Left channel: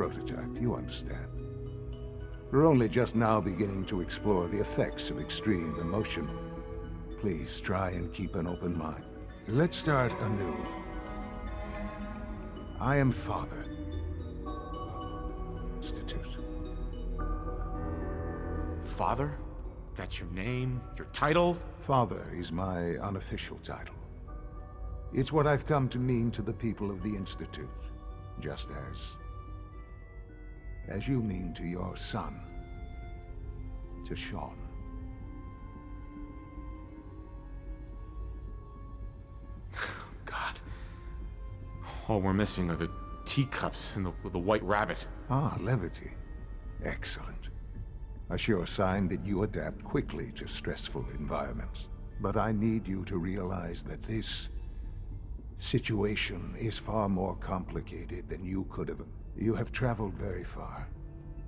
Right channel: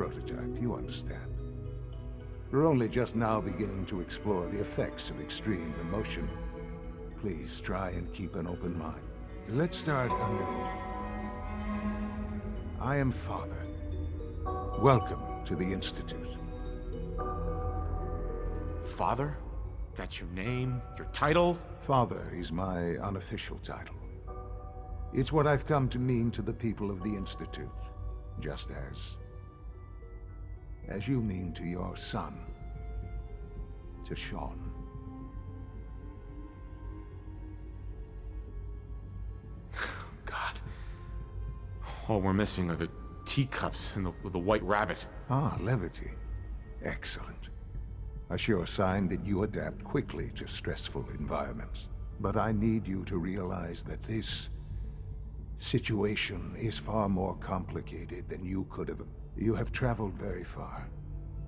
prototype, you understand. We're only just now beginning to explore the effects of extreme emotion. Please try and keep an open mind. Let's start anew. I am Father. Welcome to the Institute. Father? That's your name? Your title? Father is my unofficial title. It's what I've come to mean to the people of the Institute, just as you mean to your son, to Sean. God. All we're missing are the teacups and the white rabbit. Ah, levity. Excellent. A sure sign that you adapt quickly to stressful environments. But I need you to realize that this situation is far more complicated than you could have. You have traveled very far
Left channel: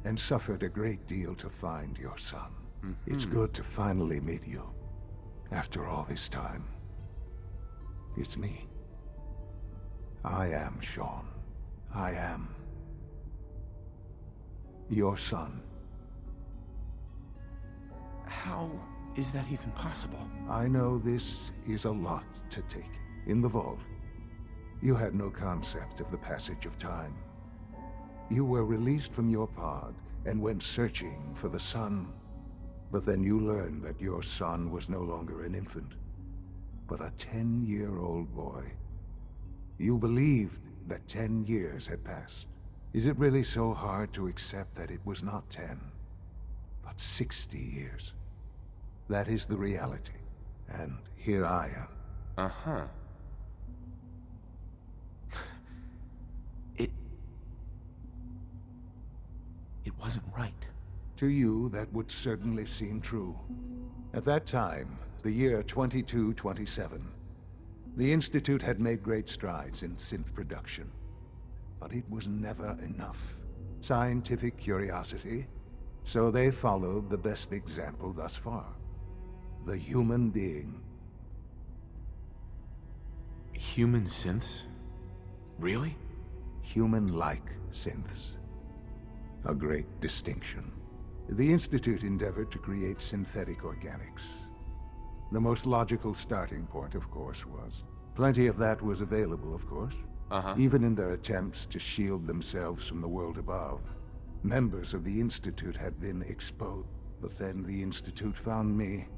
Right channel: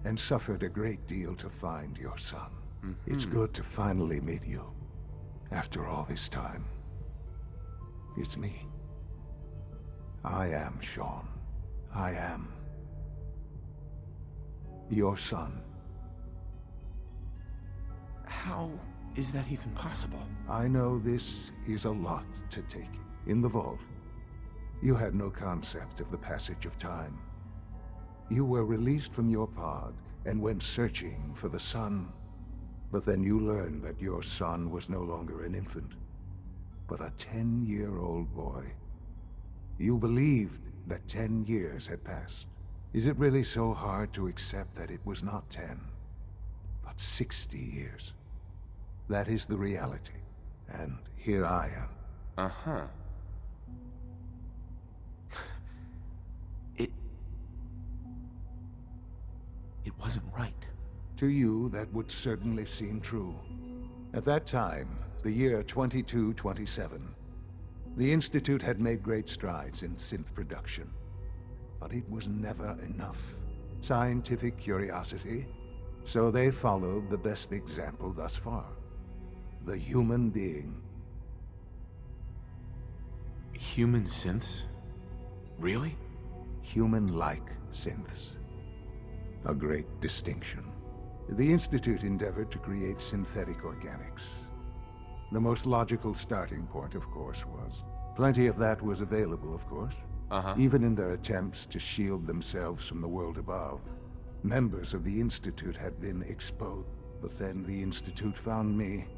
and suffered a great deal to find your son. It's good to finally meet you after all this time. It's me. I am Sean. I am your son. How is that even possible? I know this is a lot to take in the vault. You had no concept of the passage of time. You were released from your pod and went searching for the sun. But then you learned that your son was no longer an infant, but a 10-year-old boy. You believed that 10 years had passed. Is it really so hard to accept that it was not 10, but 60 years? That is the reality. And here I am. Uh-huh. It wasn't right. To you, that would certainly seem true. At that time, the year 2227, the Institute had made great strides in synth production. But it was never enough. Scientific curiosity, so they followed the best example thus far. The human being. Human synths? Really? Human-like synths. A great distinction. The Institute endeavored to create synthetic organics. The most logical starting point, of course, was. Plenty of that was available, of course. Even in their attempts to shield themselves from the world above. Members of the Institute had been exposed. But then the Institute found me.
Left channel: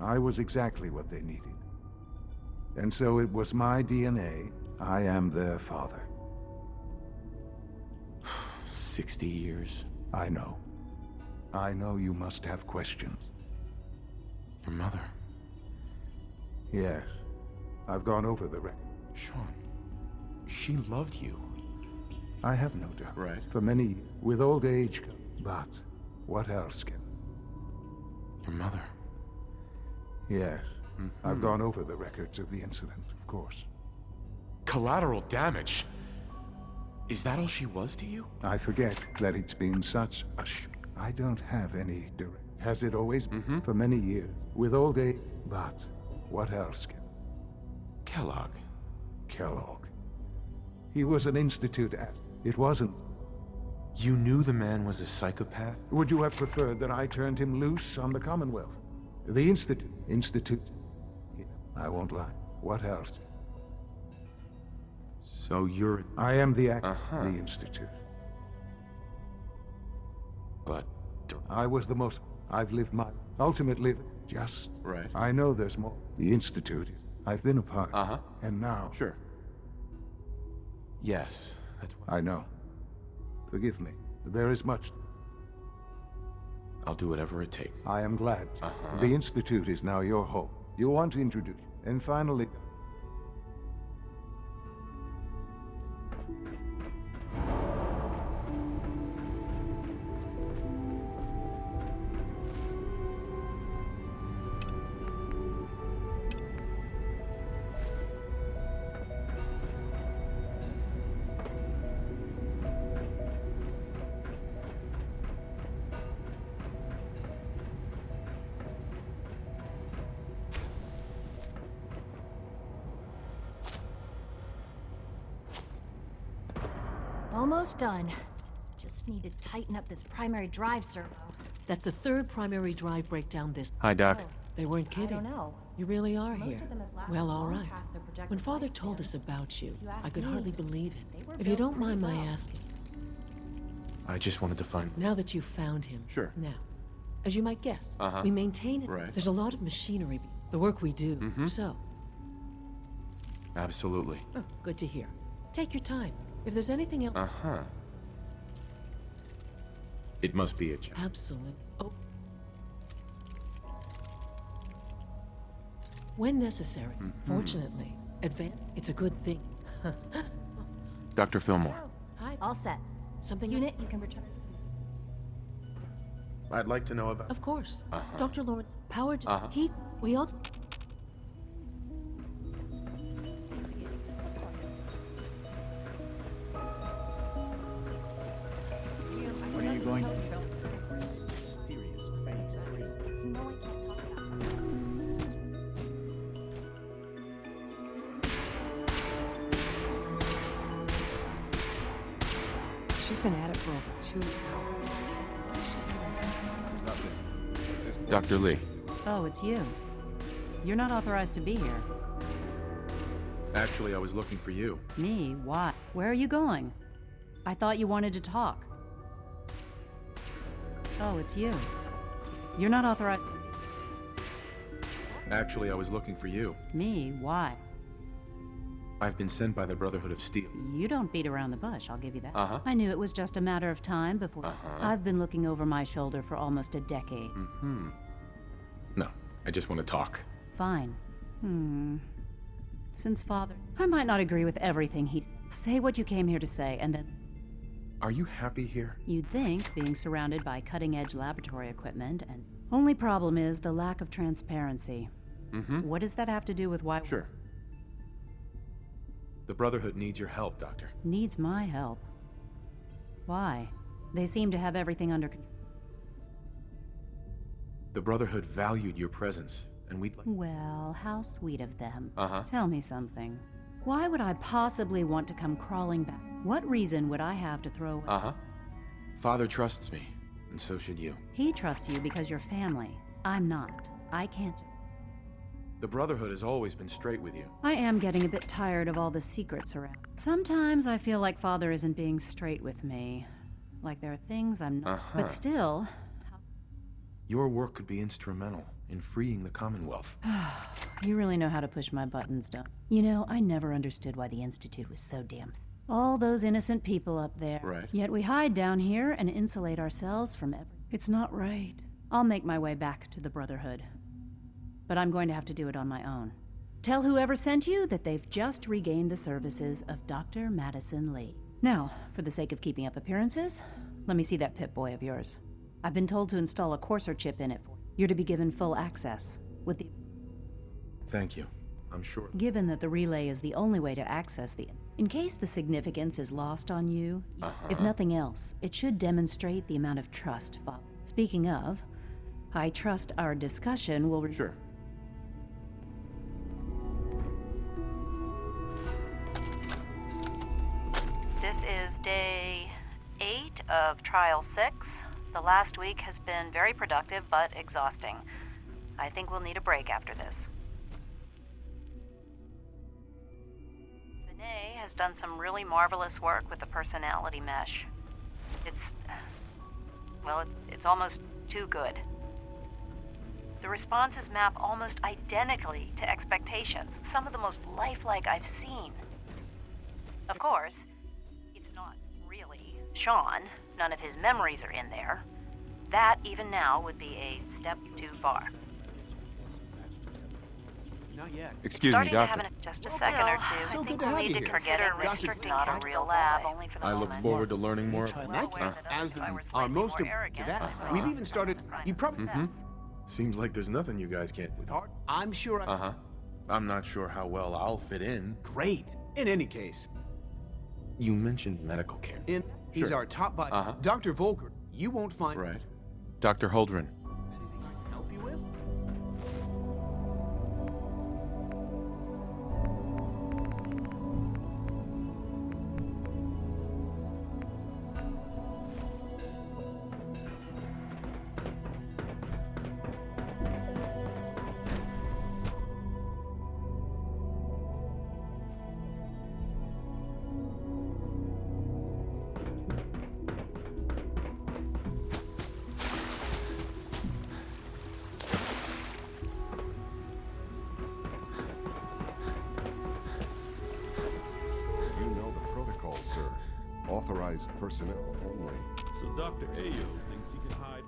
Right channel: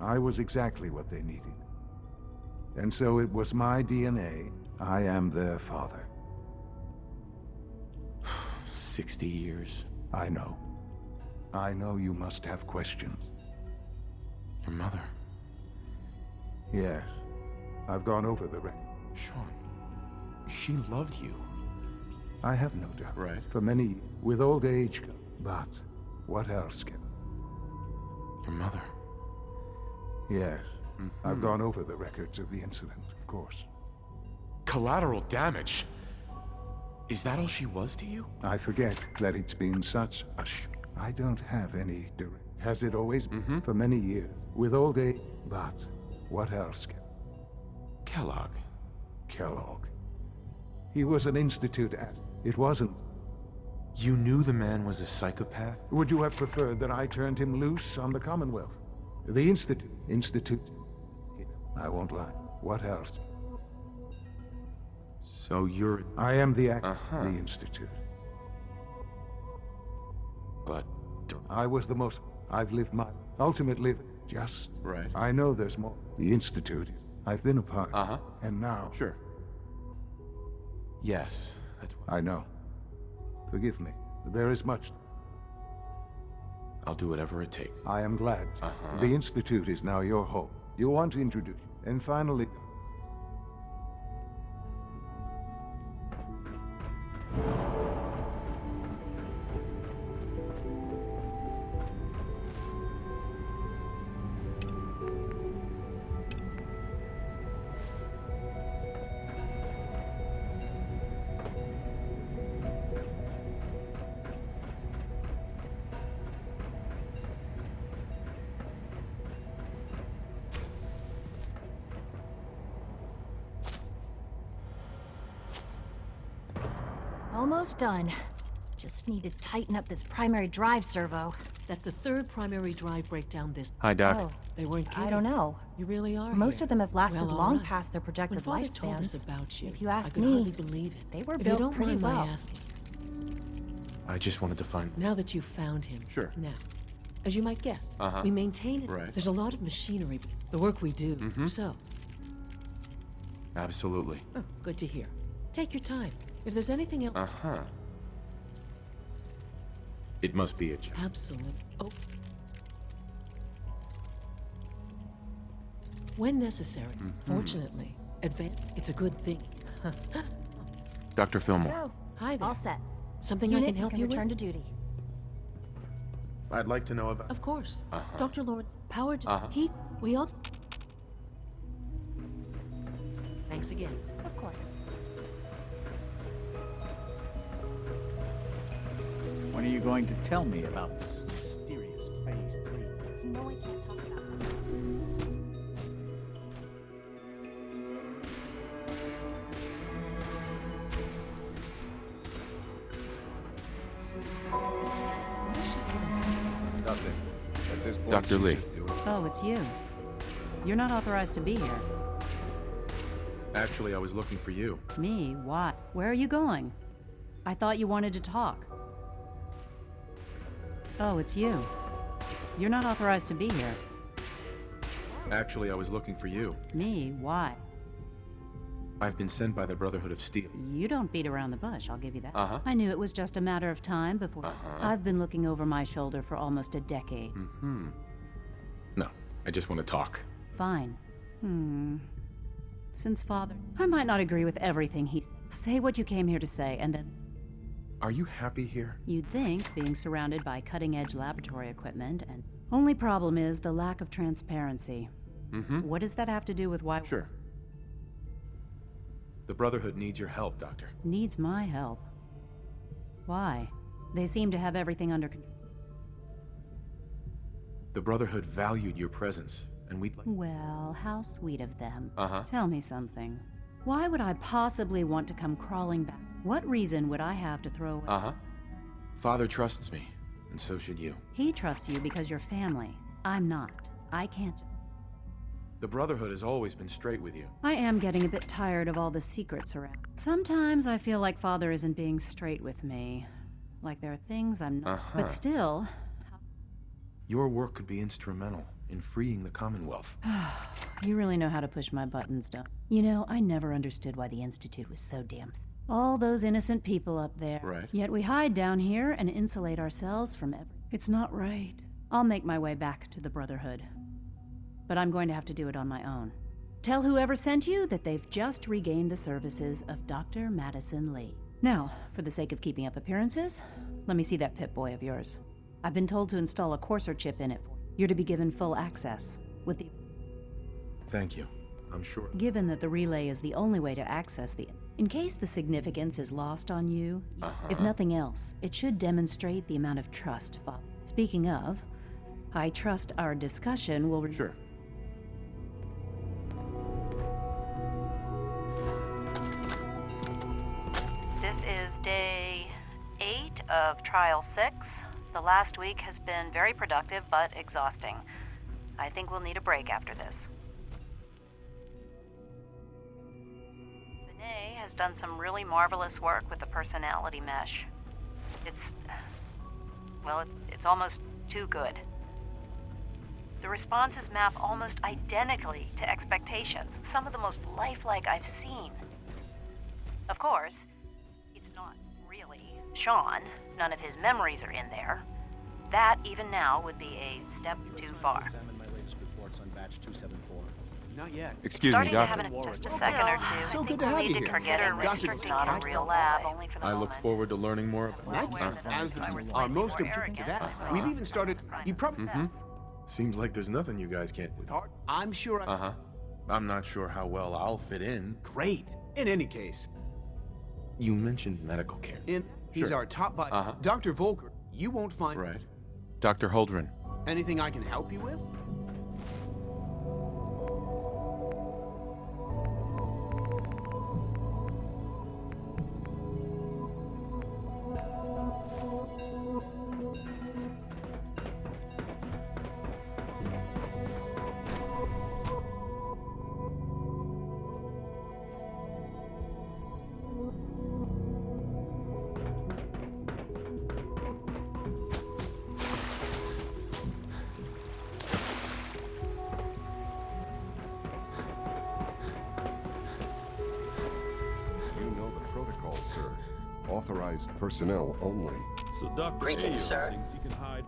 I was exactly what they needed. And so it was my DNA. I am their father. 60 years. I know. I know you must have questions. Your mother. Yes. I've gone over the record. Sean. She loved you. I have no doubt. Right. For many, with old age, but what else can... Your mother. Yes. I've gone over the records of the incident, of course. Collateral damage? Is that all she was to you? I forget that it's been such a I don't have any direct... Has it always been? For many years. With old age, but what else can... Kellogg. Kellogg. He was an Institute ass. It wasn't. You knew the man was a psychopath? Would you have preferred that I turned him loose on the Commonwealth? The Institute. I won't lie. What else? So you're... I am the the Institute. But... I was the most... I've lived my... Ultimately, just... Right. I know there's more. The Institute. I've been a part. And now... Sure. Yes, that's what... I know. Forgive me. There is much... I'll do whatever it takes. I am glad. The Institute is now your home. You want to introduce... And finally... Almost done. Just need to tighten up this primary drive servo. That's the third primary drive breakdown this. Hi, Doc. Oh, They weren't kidding. I don't know. You really are Most here. of them have lasted Well, all long right. past their projected When Father lifespans. told us about you, If you I ask could me, hardly believe it. they were If you built don't pretty mind my well. asking, I just wanted to find... now that you've found him. Sure. Now, as you might guess, Uh-huh. we maintain it. Right. There's a lot of machinery, the work we do. So, Absolutely. oh, good to hear. Take your time. If there's anything else, Uh-huh. It must be a job. absolutely. Oh. When necessary. Fortunately, it's a good thing. Dr. Fillmore, Go. Hi there. All set. Something I Unit, can you help can you return with? to duty. I'd like to know about... Of course. Uh-huh. Dr. Lawrence, power... Uh-huh. We also... Thanks again. Of course. When are you going to tell me about this mysterious Phase 3? You know I can't talk about that. She's been at it for over 2 hours. What is she even testing? Nothing. At this point, Dr. she's Lee. just doing it. Oh, it's you. You're not authorized to be here. Actually, I was looking for you. Me? Why? Where are you going? I thought you wanted to talk. Oh, it's you. You're not authorized to be here. Actually, I was looking for you. Me? Why? I've been sent by the Brotherhood of Steel. You don't beat around the bush, I'll give you that. Uh-huh. I knew it was just a matter of time before. Uh-huh. I've been looking over my shoulder for almost a decade. No, I just want to talk. Fine. Since father. I might not agree with everything he said. Say what you came here to say, and then. Are you happy here? You'd think, being surrounded by cutting-edge laboratory equipment, and only problem is the lack of transparency. What does that have to do with why? Sure. The Brotherhood needs your help, Doctor. Needs my help. Why? They seem to have everything under control. The Brotherhood valued your presence, and we'd like... Well, how sweet of them. Uh-huh. Tell me something. Why would I possibly want to come crawling back? What reason would I have to throw away? Uh-huh. Father trusts me, and so should you. He trusts you because you're family. I'm not. I can't. The Brotherhood has always been straight with you. I am getting a bit tired of all the secrets around. Sometimes I feel like Father isn't being straight with me. Like there are things I'm not. Uh-huh. But still, Your work could be instrumental in freeing the Commonwealth. you really know how to push my buttons, don't you? You know, I never understood why the Institute was so damn. All those innocent people up there. Right. Yet we hide down here and insulate ourselves from It's not right. I'll make my way back to the Brotherhood. But I'm going to have to do it on my own. Tell whoever sent you that they've just regained the services of Dr. Madison Lee. Now, for the sake of keeping up appearances, let me see that Pip-Boy of yours. I've been told to install a Courser chip in it for you. You're to be given full access, with the... Thank you. I'm sure. Given that the relay is the only way to access the... In case the significance is lost on you, if nothing else, it should demonstrate the amount of trust. Speaking of, I trust our discussion will... Sure. This is day 8 of Trial 6. The last week has been very productive, but exhausting. I think we'll need a break after this. Vinay has done some really marvelous work with the personality mesh. It's almost too good. The responses map almost identically to expectations, some of the most lifelike I've seen. Of course, it's not really Sean. None of his memories are in there. That, even now, would be a step too far. Examine my latest reports on batch 274. Not yet. Excuse me, Starting to Doctor. have just a second or two. So I good think to we'll have need you to here. consider Dr. restricting not a real lab, only for the I moment. look forward to learning more about As our most important to that, we've even started. You probably Seems like there's nothing you guys can't do. with heart. I'm sure. Uh-huh. I'm not sure how well I'll fit in. Great. In any case, You mentioned medical care. he's Sure. our top bot, Uh-huh. Dr. Volker. You won't find Right. Dr. Holdren. anything I can help you with. authorized personnel only. So Dr. Greetings, Ayo sir. thinks he can hide.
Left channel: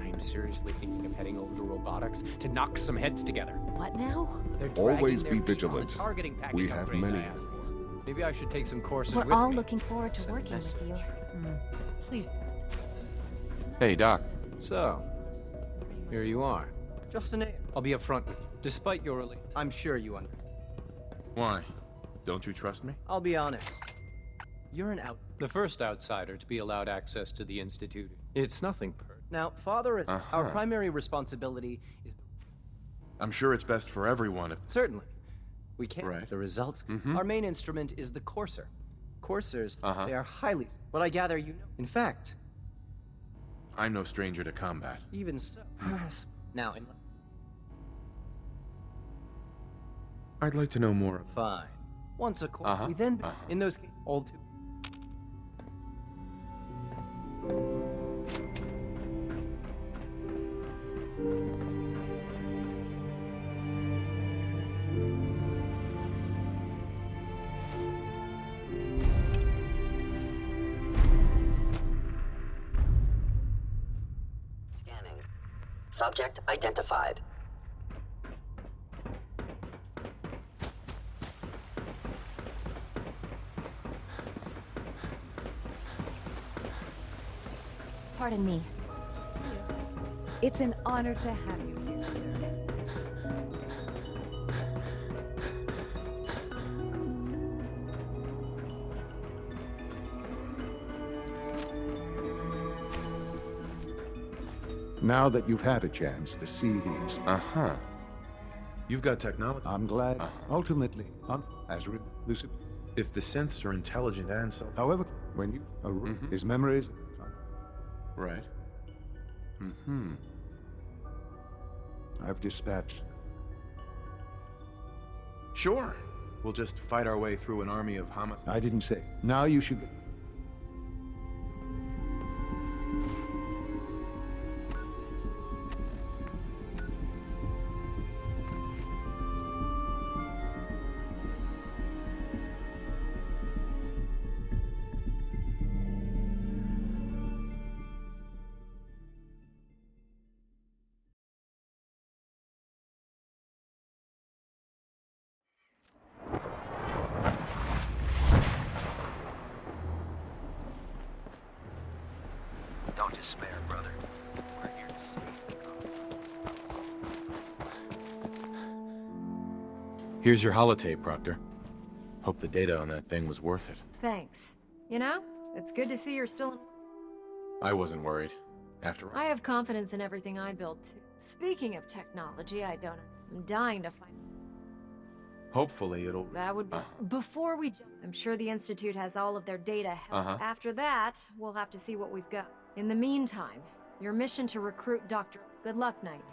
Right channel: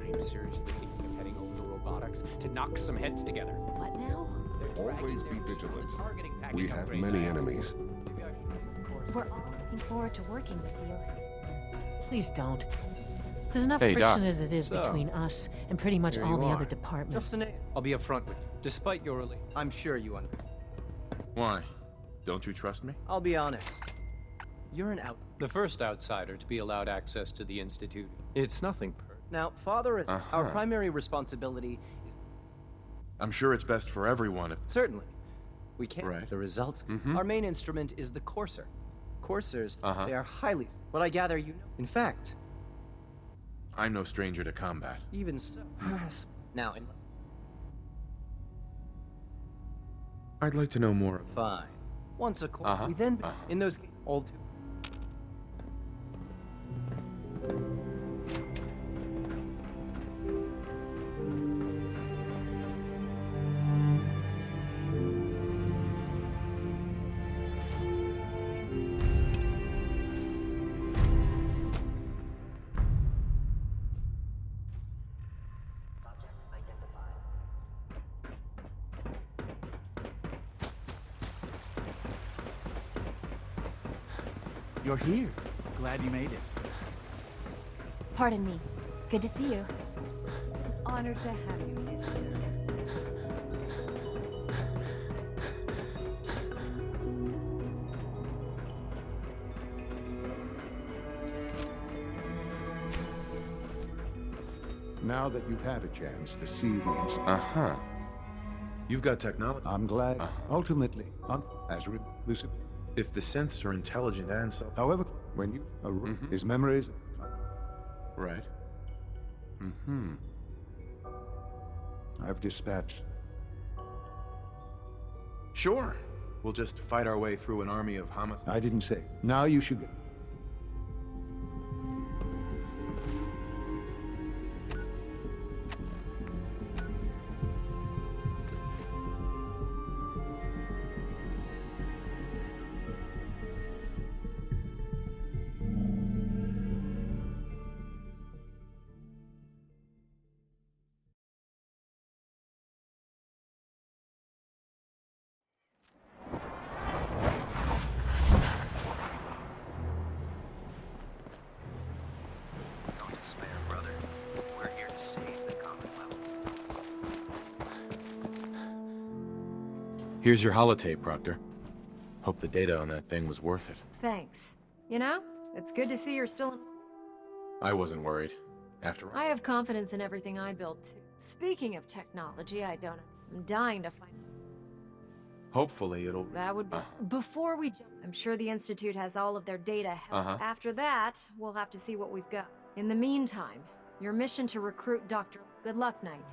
I am seriously thinking of heading over to robotics to knock some heads together. What now? They're dragging Always their be feet on the vigilant. targeting package We have upgrades many I asked for. enemies. Maybe I should take some courses We're with all me. looking forward to working with you. Please don't. There's enough Hey, Doc. friction as it is So, between us and pretty much Here all you the are. other departments. Just a name. I'll be upfront with you. Despite your relief, I'm sure you understand. Why? Don't you trust me? I'll be honest. You're the first outsider to be allowed access to the Institute. It's nothing Now, Father, is our primary responsibility is... I'm sure it's best for everyone if... Certainly. We can. Right. The results. Our main instrument is the Courser. Coursers, they are highly... But I gather you know. In fact... I'm no stranger to combat. Even so... now, I'd like to know more. Fine. Once a quarter, we then... In those cases, all too... Scanning. Subject identified. You're here. Glad you made it. Pardon me. Good to see you. It's an honor to have you here, sir. Now that you've had a chance to see the Uh-huh. You've got technology. I'm glad. Ultimately, as this. If the synths are intelligent and self... However, when you his memories. Right. I've dispatched. Sure. We'll just fight our way through an army of homicides. I didn't say. Now you should. Don't despair, brother. We're here to save the Commonwealth. Here's your holotape, Proctor. Hope the data on that thing was worth it. Thanks. You know, it's good to see you're still... I wasn't worried. After all. I have confidence in everything I build, too. Speaking of technology, I'm dying to find... Hopefully it'll... That would be... Before we jump, I'm sure the Institute has all of their data. After that, we'll have to see what we've got. In the meantime, your mission to recruit Dr. Good luck, Knight.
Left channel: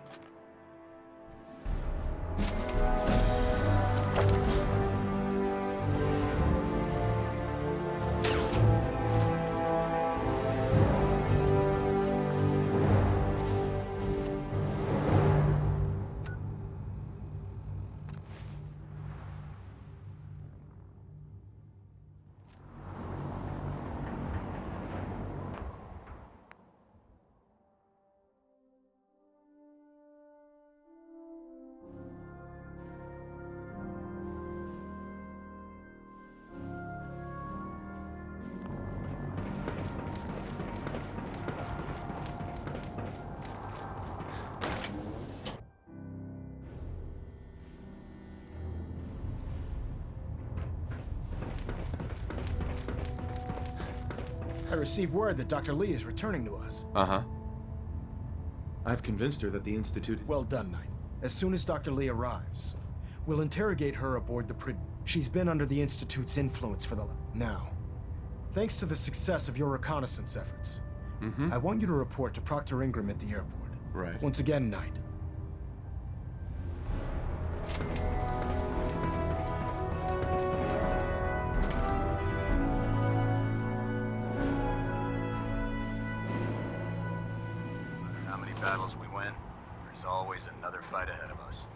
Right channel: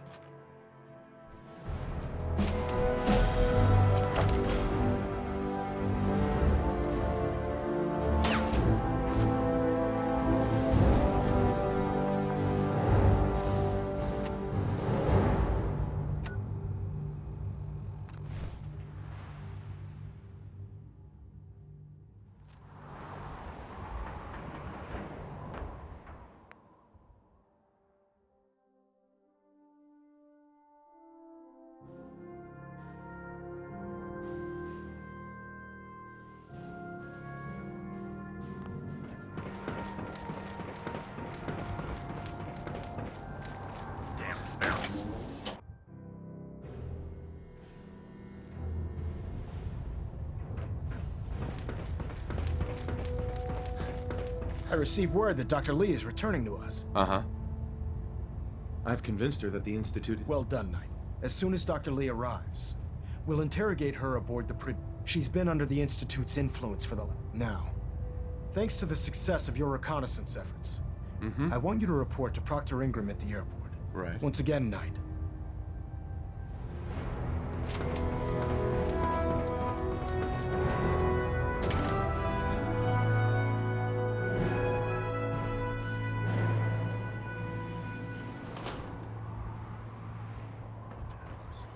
I received word that Dr. Lee is returning to us. I've convinced her that the Institute... Well done, Knight. As soon as Dr. Lee arrives, we'll interrogate her aboard the She's been under the Institute's influence for the now. Thanks to the success of your reconnaissance efforts, I want you to report to Proctor Ingram at the airport. Right. Once again, Knight. How many battles we win, there's always another fight ahead of us.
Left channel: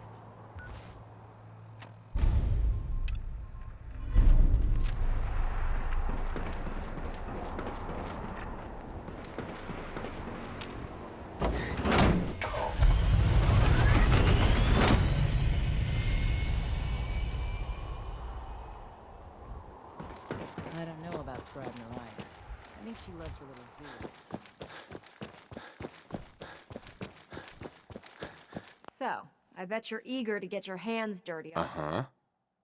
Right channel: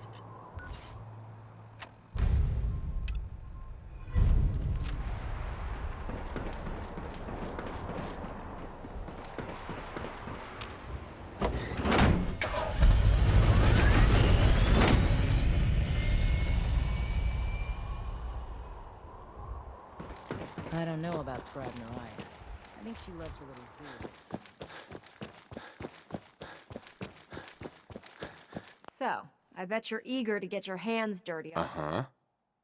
without spreading her eye. I think she loves her little zoo. So, I bet you're eager to get your hands dirty. Uh-huh.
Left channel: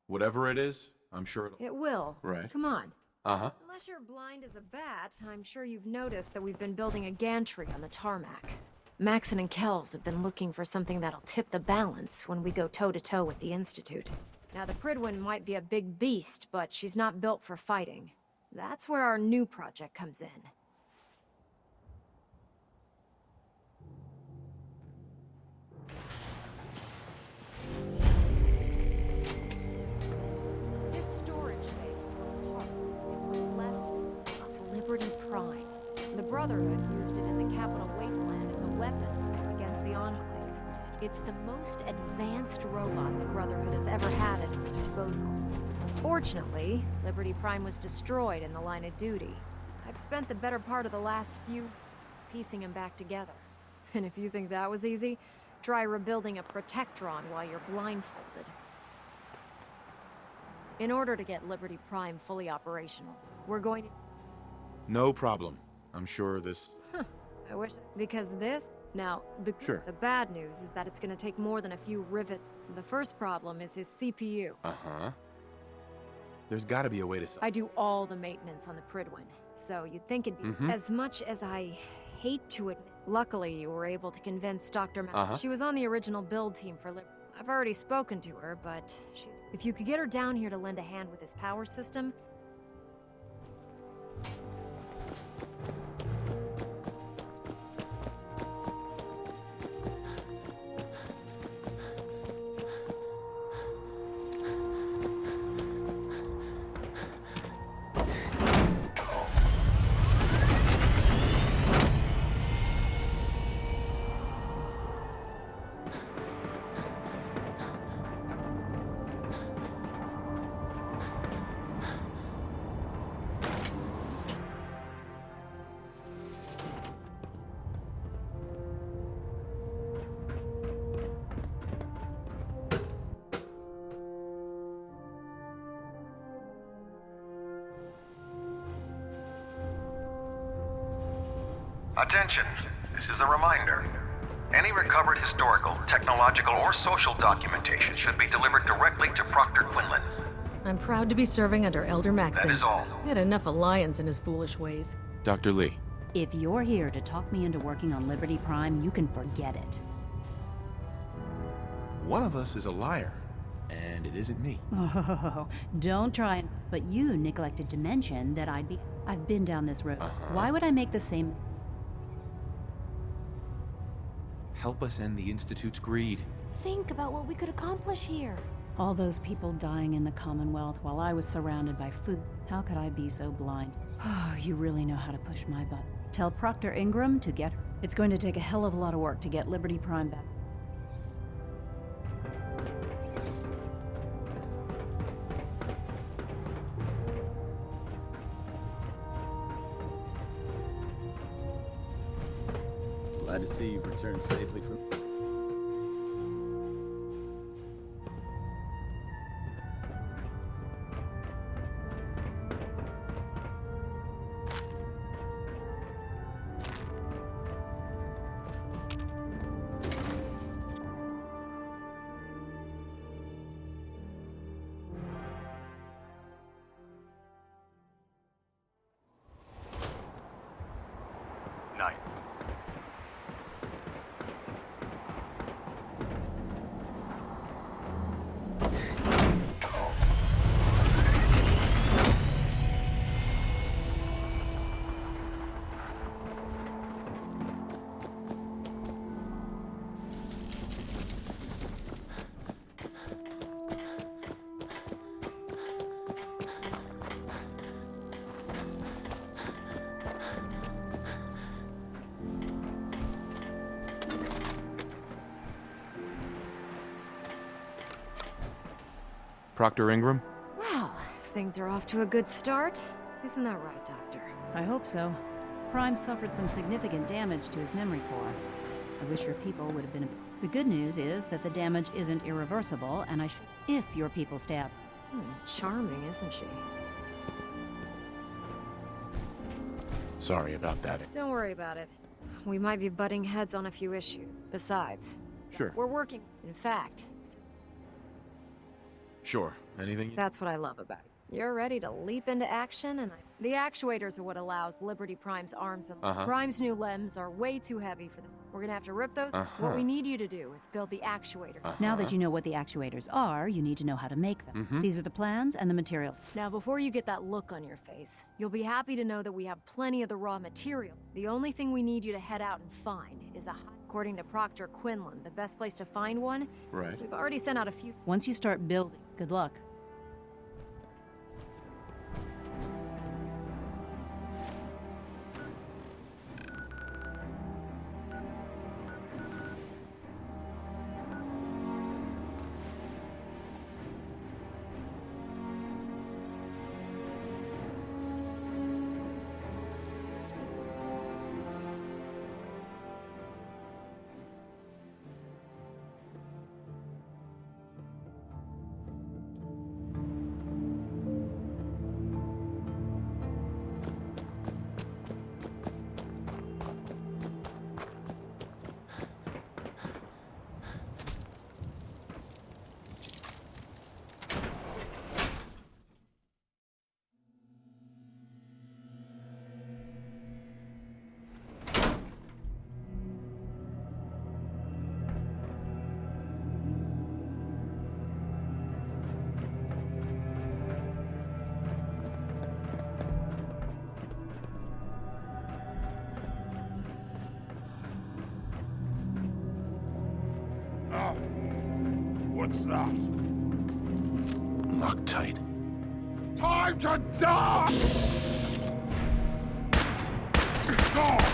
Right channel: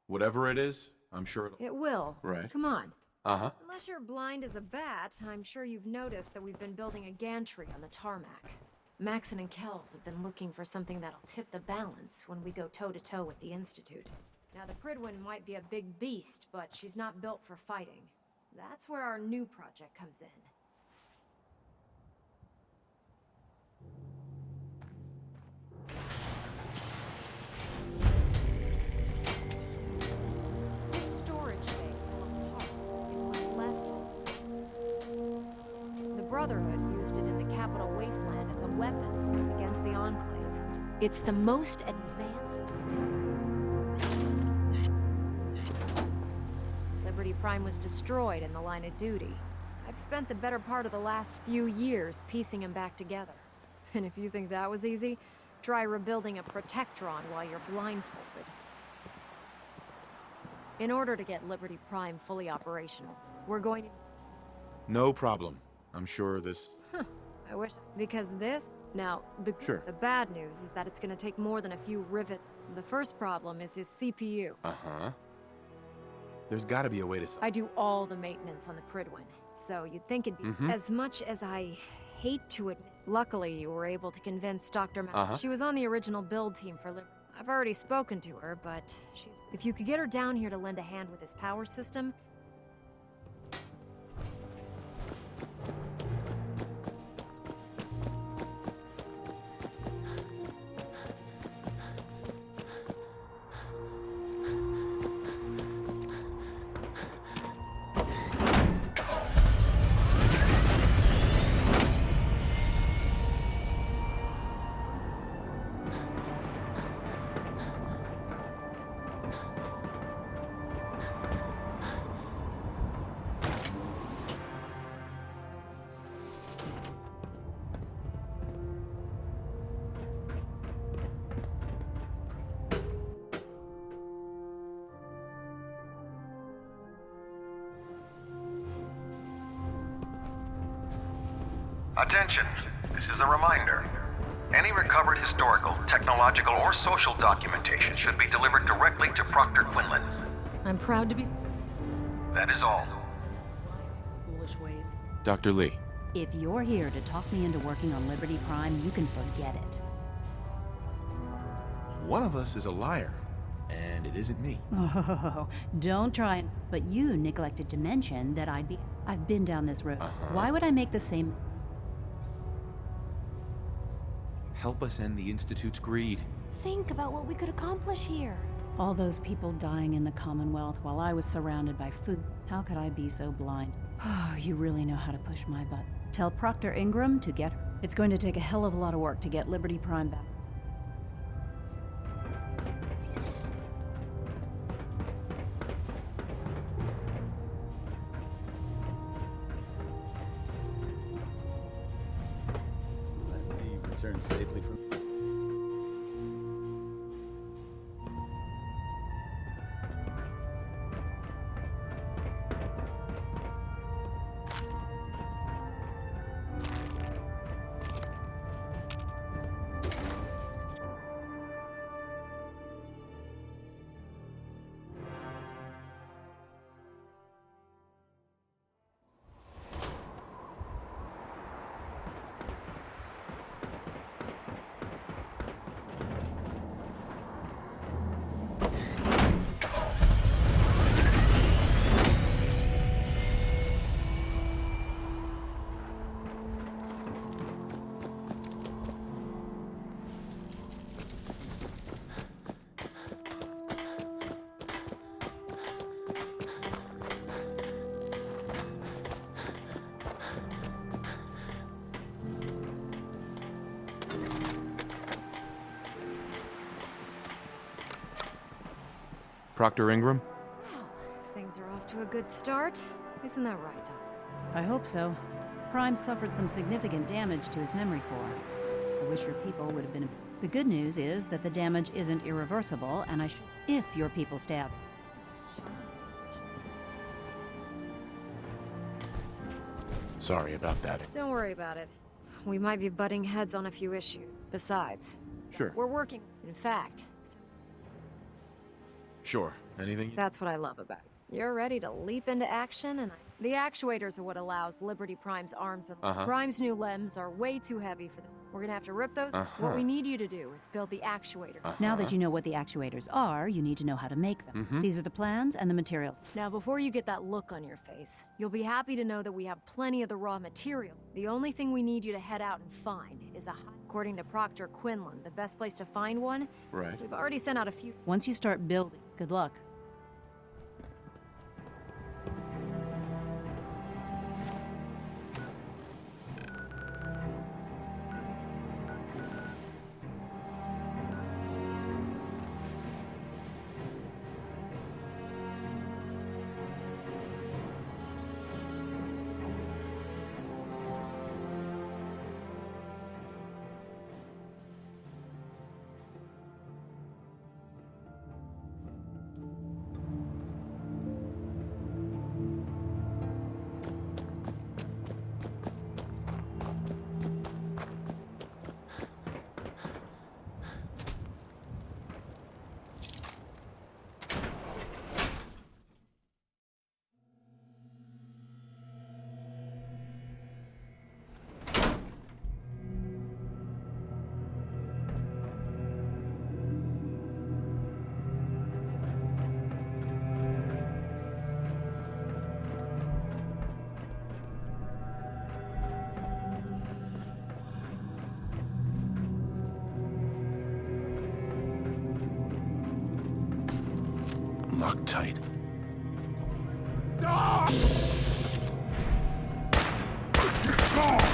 Whatever it is, I'm sure it'll... It will. Right. Come on. Uh-huh. Unless you're blind as a bat, I'm sure you've noticed that we've been building a gantry on the tarmac. Maxon and Kells have been looking for something that'll tip the balance when we go toe-to-toe with the Institute. Now, the Prydwen might be a big beast, but she's not built for fighting. That's where our new project comes in. This storage bay full of parts is what's left of Liberty Prime. The Brotherhood used it in the Capital Wasteland as a weapon against the Enclave. It's the most advanced robot the Brotherhood has ever had at its disposal. Unfortunately, Liberty Prime was destroyed in the line of duty. I've spent the better part of the last few years piecing him back together. And if you think that was easy, try rebuilding a Protectron while you're blindfolded. In order to get Liberty Prime fully operational, we're going to... No problem. I'm sure this... I wish... Because this? Now, the bad news is that it's gonna take more than a few rivets. The first problem is his CPU. Uh-huh. There's gotta be a way to... I do all the maintenance on the Prydwen, so you'd think it'd be... As much as I hate to admit... Luckily, you were able to convince Dr. She was on the original build team for Liberty. I've already spoken to her, but she's... If you could get her down here to lend a hand with his power system... Attention, this is a reminder. Any recovered historical, technological, or social documentation should be delivered directly to Proctor Quinlan. I'm proud to be serving under Elder Maxon. That is all. I had enough alliance in his foolish ways. Dr. Lee. If you're here to talk me into working on Liberty Prime, you can forget it. One of us is a liar, and it isn't me. Oh, don't try. But you neglected to mention that I've been down this road. Why would I make the same... Help us end the Institute's greed. Think about what we could accomplish here. All those people dying in the Commonwealth while I was surrounded by food. How could I be so blind? Oh, you really know how to push my butt. Tell Proctor Ingram to get her. It's going to take a hell of a lot of work to get Liberty Prime back. Glad to see you've returned safely from... Proctor Ingram? Well, things are off to a good start. Isn't that right, Doctor? I hope so. Prime suffered some significant damage to his memory core. I wish your people would have been... The good news is that the damage isn't irreversible, and I should... If your people stab... Charming, isn't she? Sorry about that. Don't worry about it. We might be butting heads on a few issues. Besides, Sure. we're working. In fact, Sure. Anything? that's what I love about you. You're ready to leap into action, and the actuators are what allows Liberty Prime's arms and Prime's new limbs are way too heavy for this. We're gonna have to rip those. What we need you to do is build the actuators. Now that you know what the actuators are, you need to know how to make them. These are the plans and the materials. Now, before you get that look on your face, you'll be happy to know that we have plenty of the raw material. The only thing we need you to head out and find is a according to Proctor Quinlan, the best place to find one. Right. We've already sent out a few. Once you start building, good luck. What's that? Loctite. Time to die! God!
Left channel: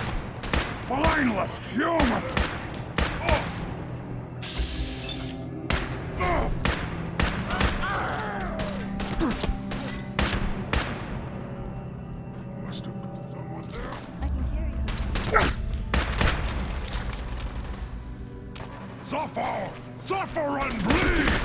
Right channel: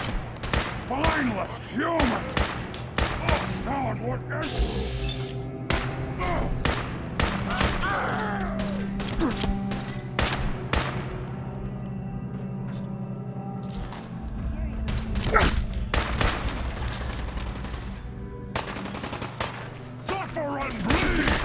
Mindless human! Oh, God, what is... Oh. Must have been someone there. I can carry something. Suffer and bleed!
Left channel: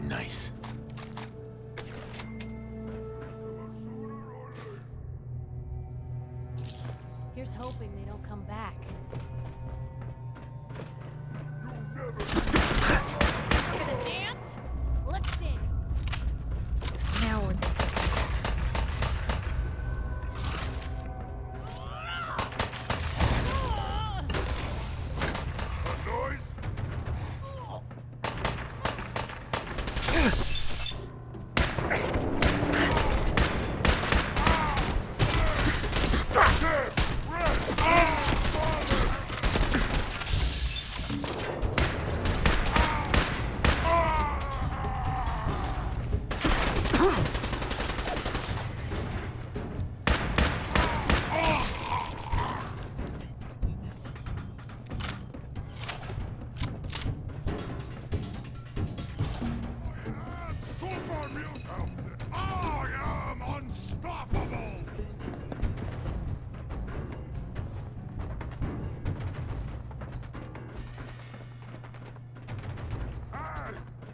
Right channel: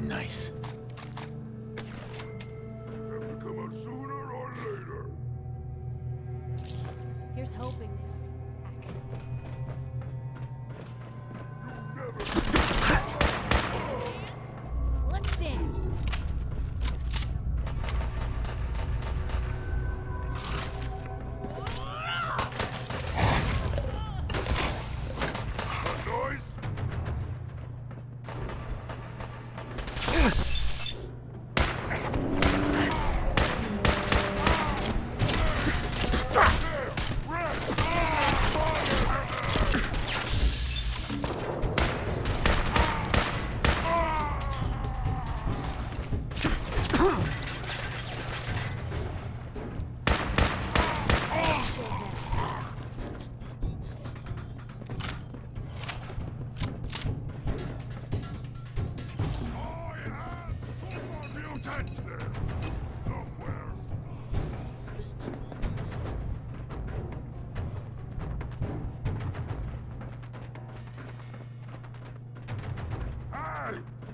Nice. Here's hoping they don't come back. Dance? Let's dance. Now we're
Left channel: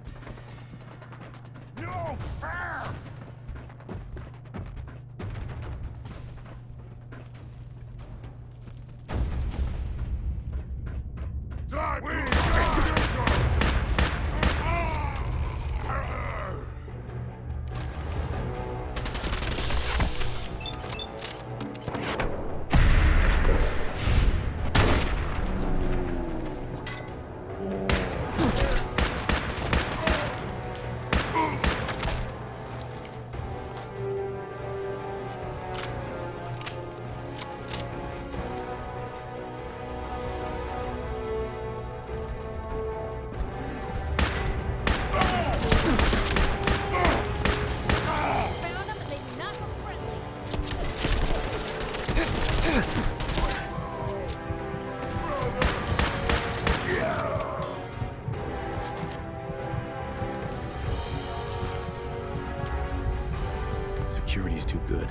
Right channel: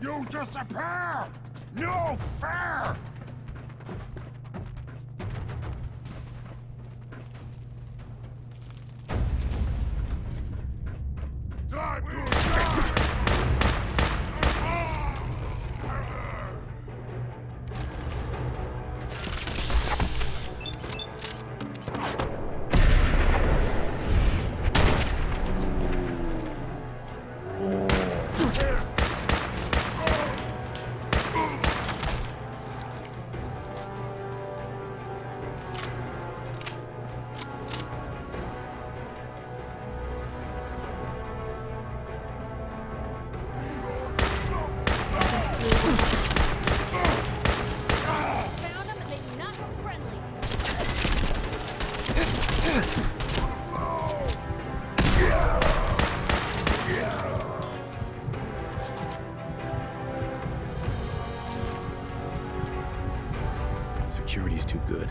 You disappear! No fair! Time to die! Found them and they do not look friendly. Security's too good.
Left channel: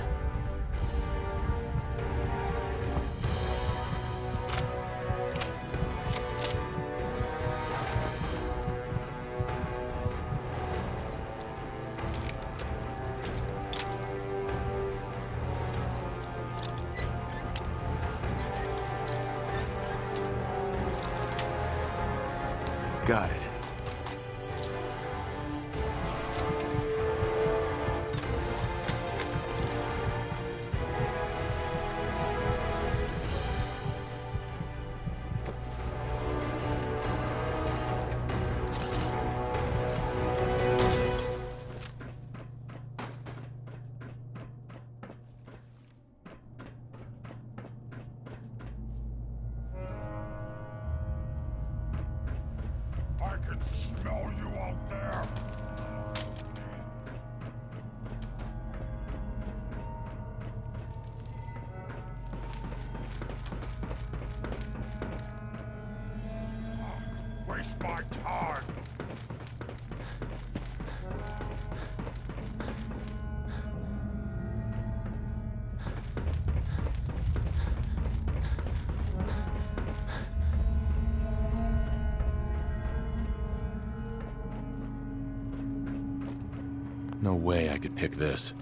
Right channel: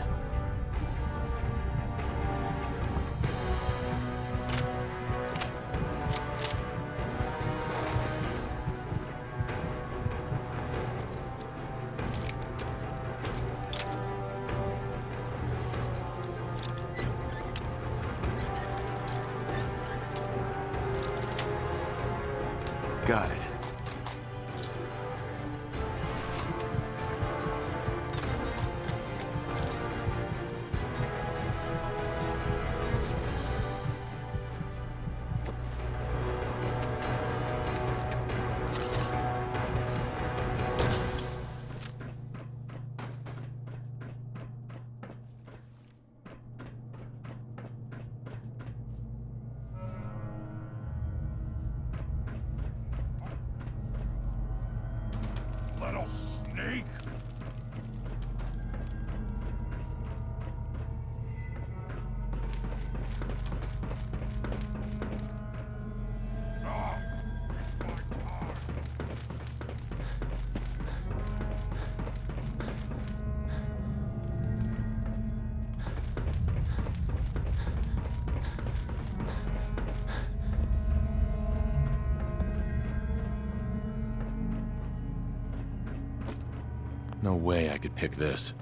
Got it. I can smell you out there, little sneak! Ah, waste my time! No way I could pick this.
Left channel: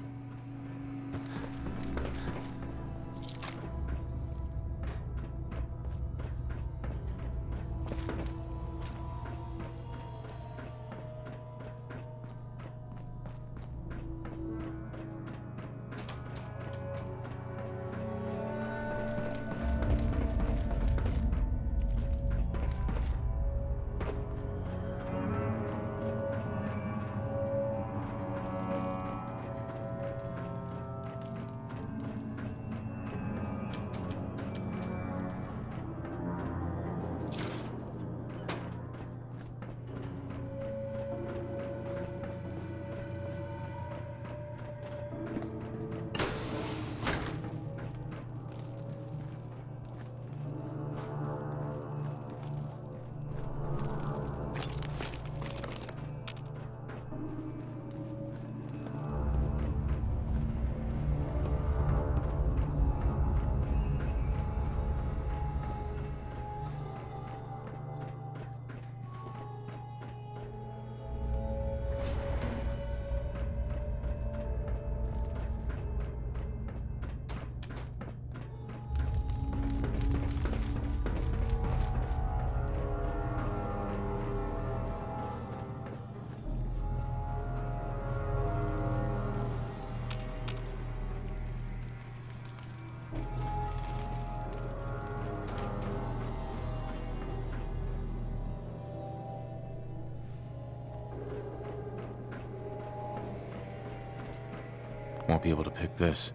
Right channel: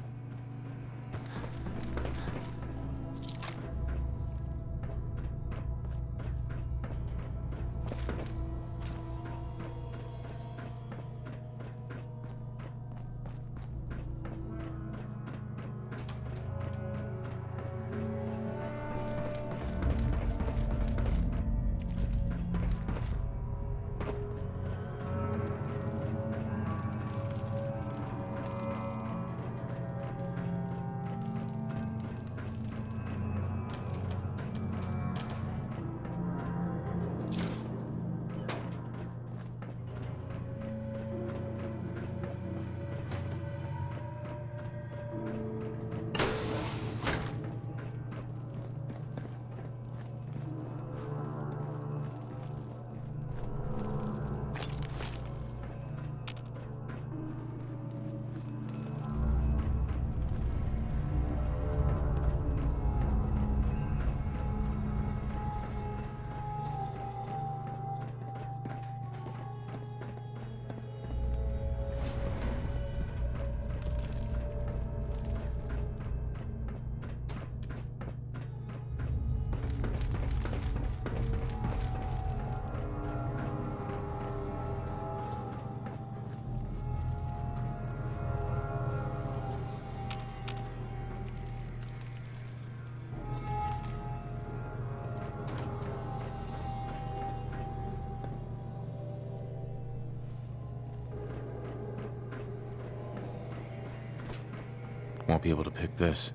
Won't be able to pick this.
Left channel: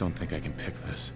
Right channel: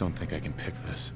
don't think I can pick this.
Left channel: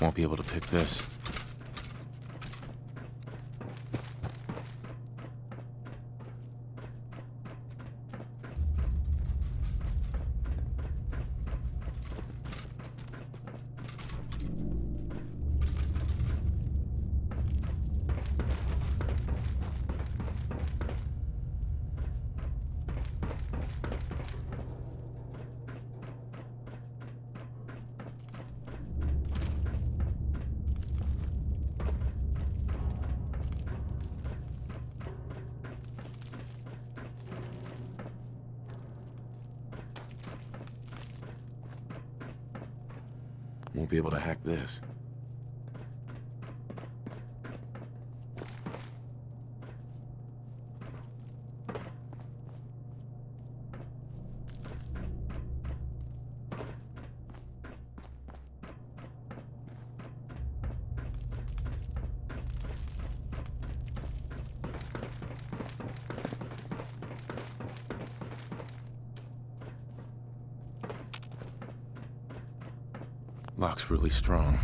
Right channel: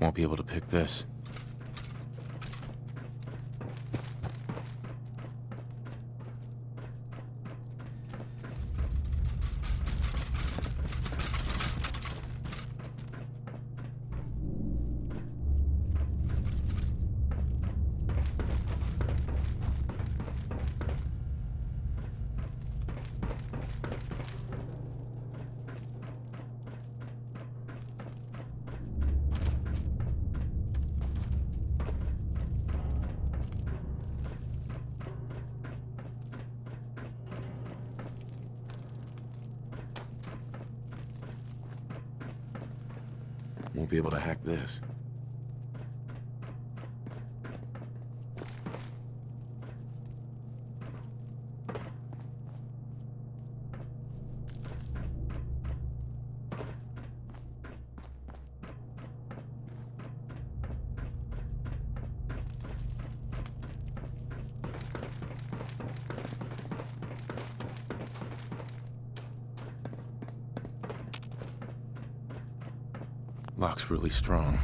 Won't be able to pick this. Won't be able to hack this. Lock's really strong.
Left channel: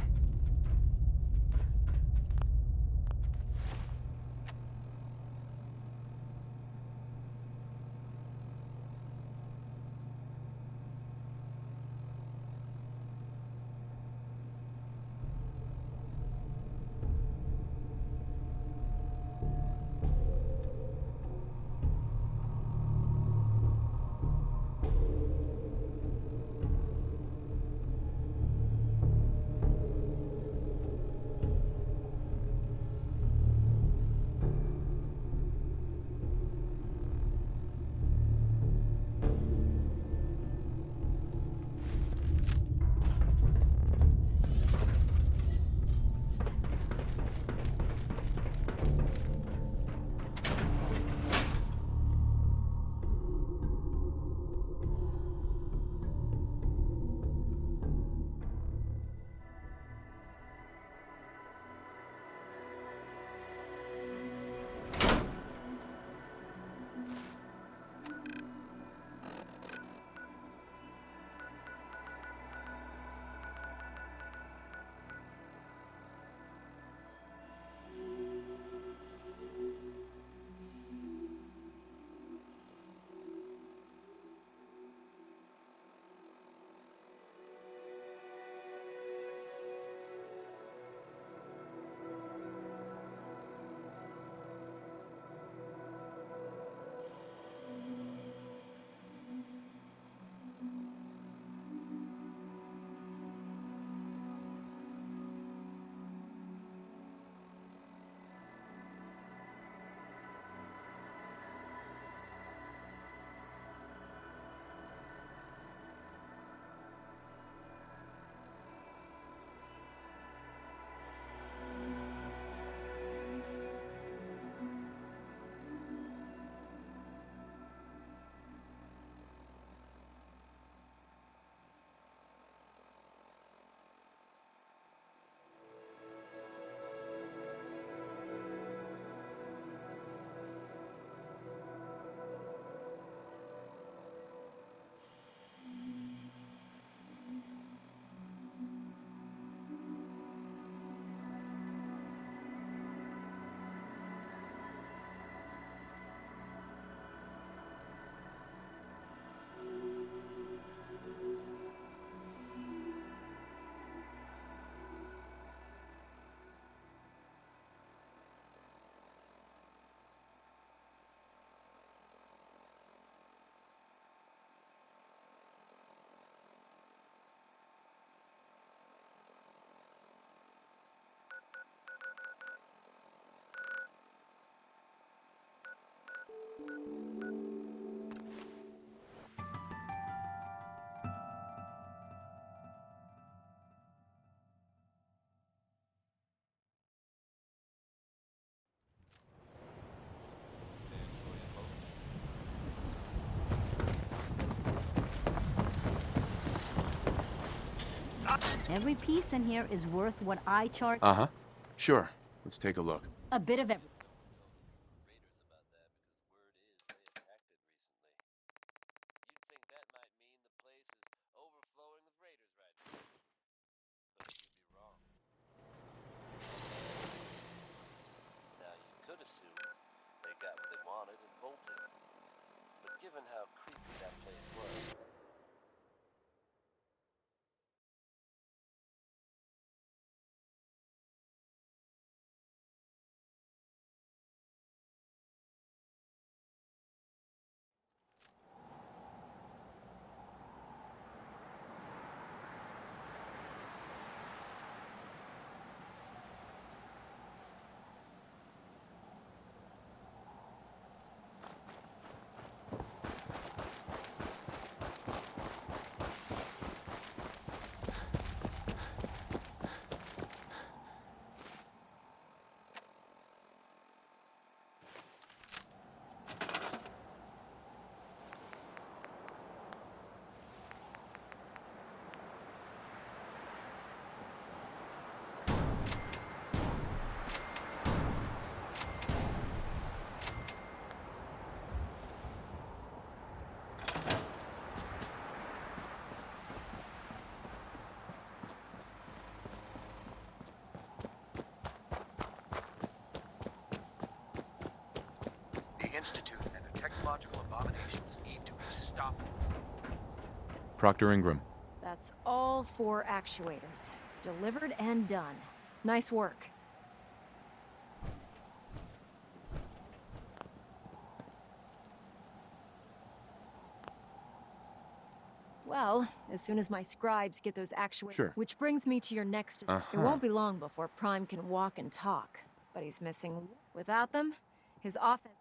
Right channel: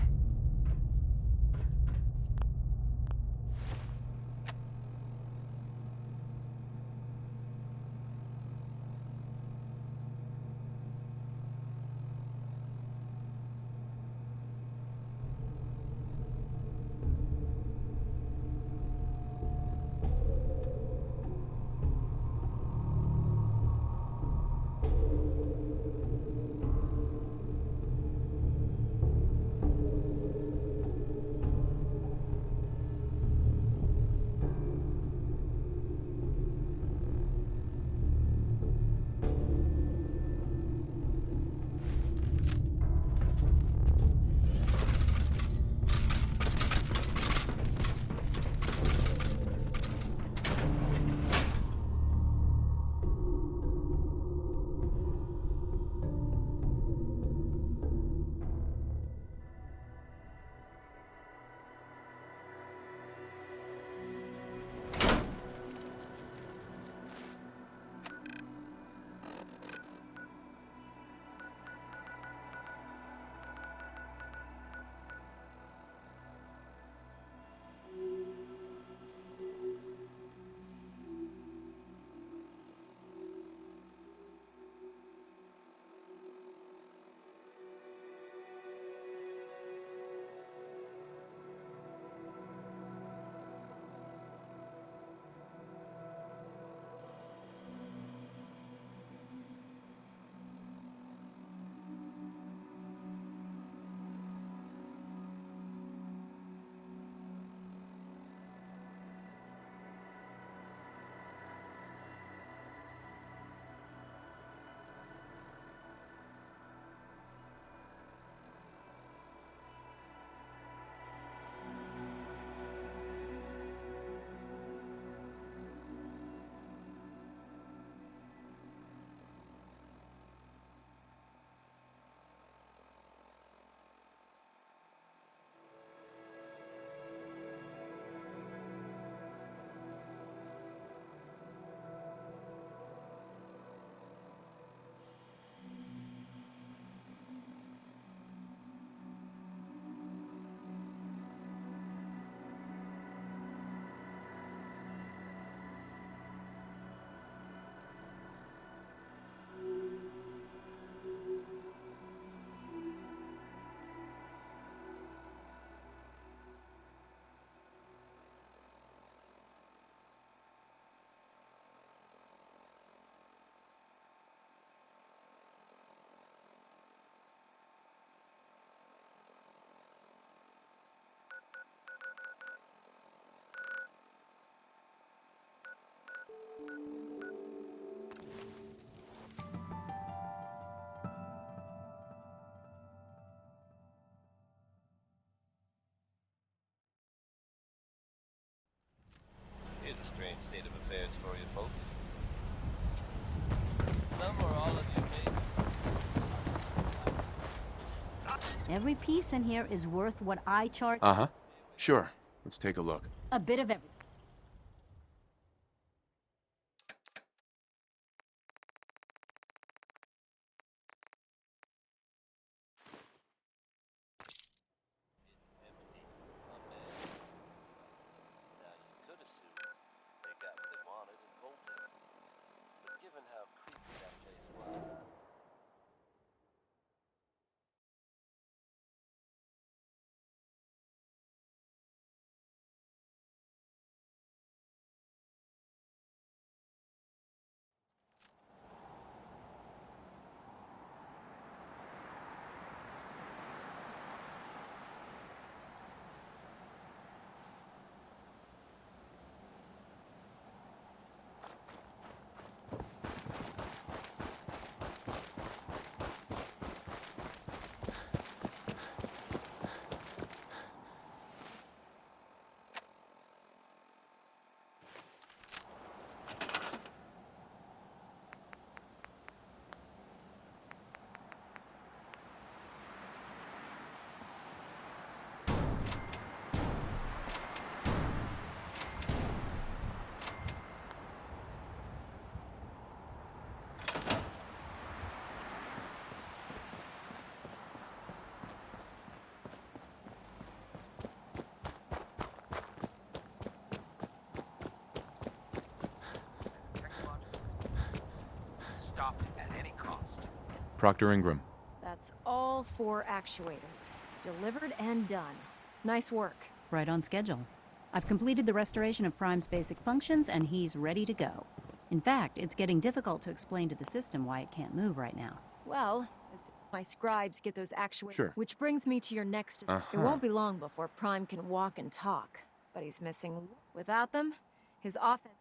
Every piece in here is worth what I charge. Uh-huh. Sure. Let's take a look. A bit of everything. Proctor Ingram. That's all 4 actuators. Delivered and done. Nice work. Right on schedule. I've completed the restoration of Prime's basic functions, and he's ready to go. In fact, it's getting difficult to explain to the system why it can't move right now. Well, as soon as my scribes get those actuators... Sure. Which brings me to your next... It won't be long before Prime can walk and talk. But he's missing... Without them, his offense...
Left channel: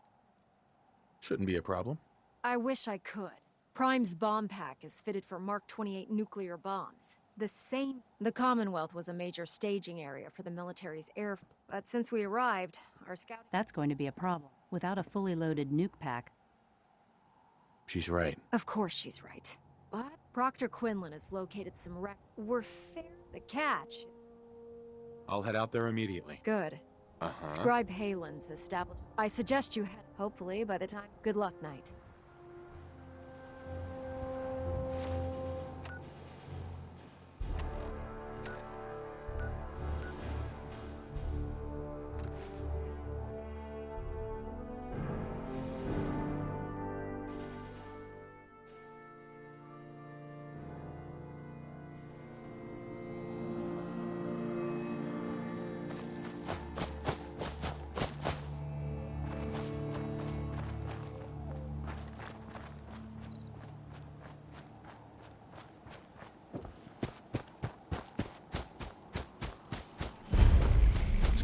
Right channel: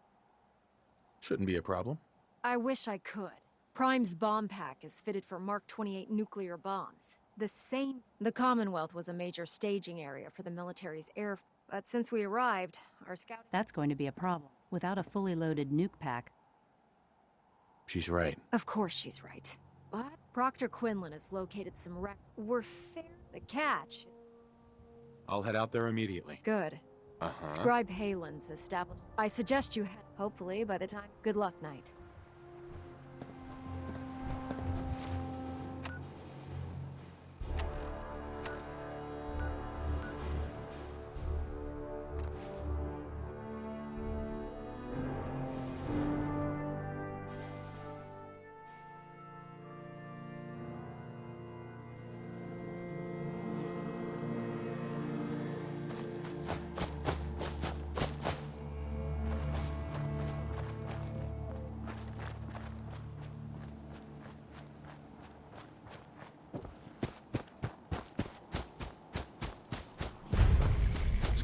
Shouldn't be a problem. I wish I could. Prime's bomb pack is fitted for Mark 28 nuclear bombs. The Commonwealth was a major staging area for the military's air... But since we arrived, our scout... That's going to be a problem. Without a fully loaded nuke pack... She's right. Of course she's right. But Proctor Quinlan has located some We're fair... The catch... I'll head out there immediately. Good. Uh-huh. Scribe Halen's established... I suggest you head... Hopefully, by the time... Good luck, Knight.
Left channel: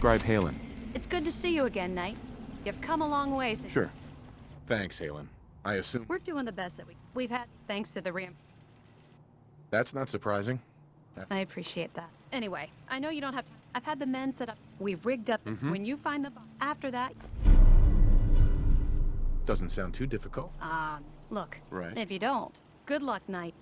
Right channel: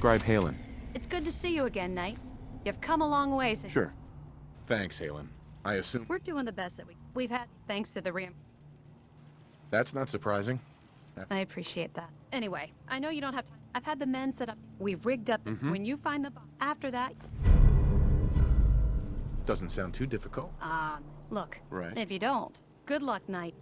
Scribe Halen. It's good to see you again, Knight. You've come a long way since... Sure. Thanks, Halen. I assume... We're doing the best that we've had, thanks to the That's not surprising. I appreciate that. Anyway, I know you don't have time. I've had the men set up. We've rigged up. When you find the bomb, after that... Doesn't sound too difficult. Look. Right. If you don't, good luck, Knight.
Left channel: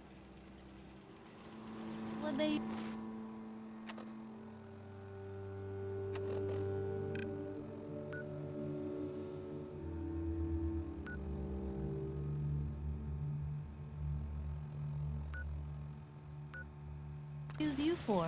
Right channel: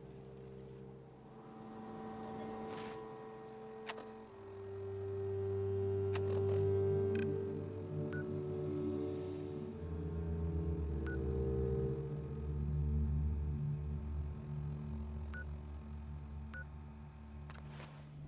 Use you for?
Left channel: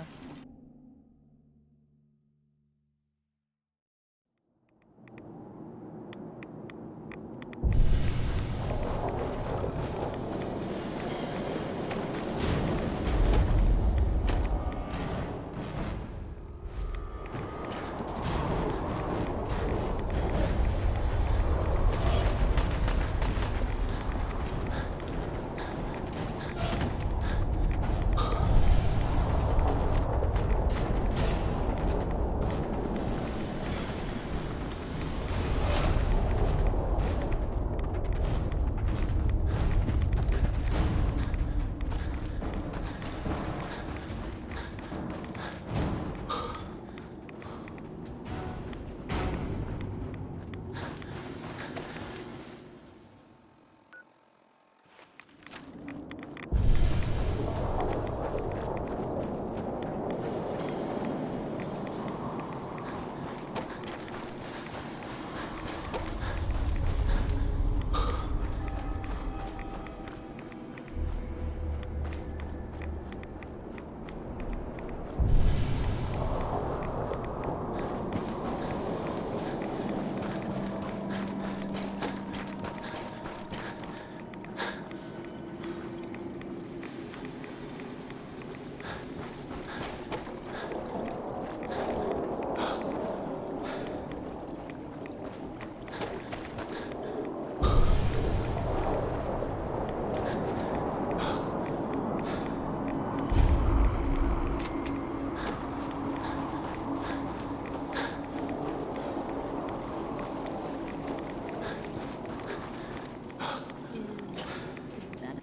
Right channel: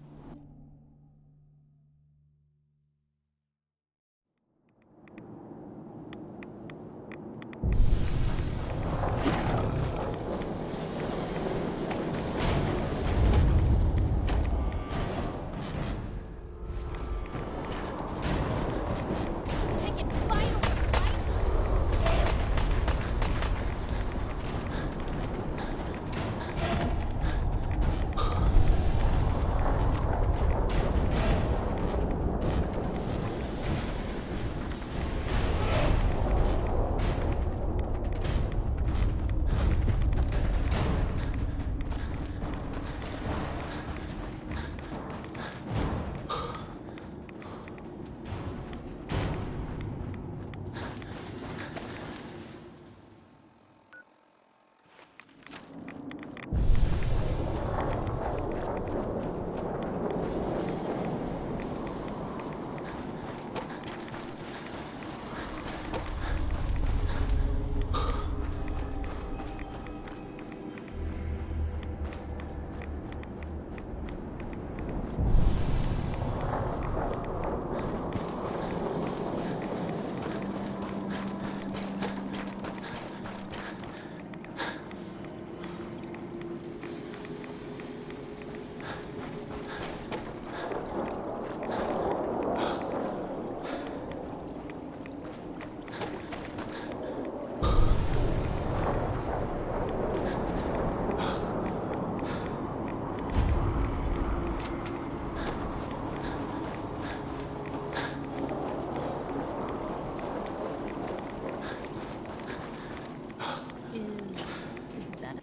Is that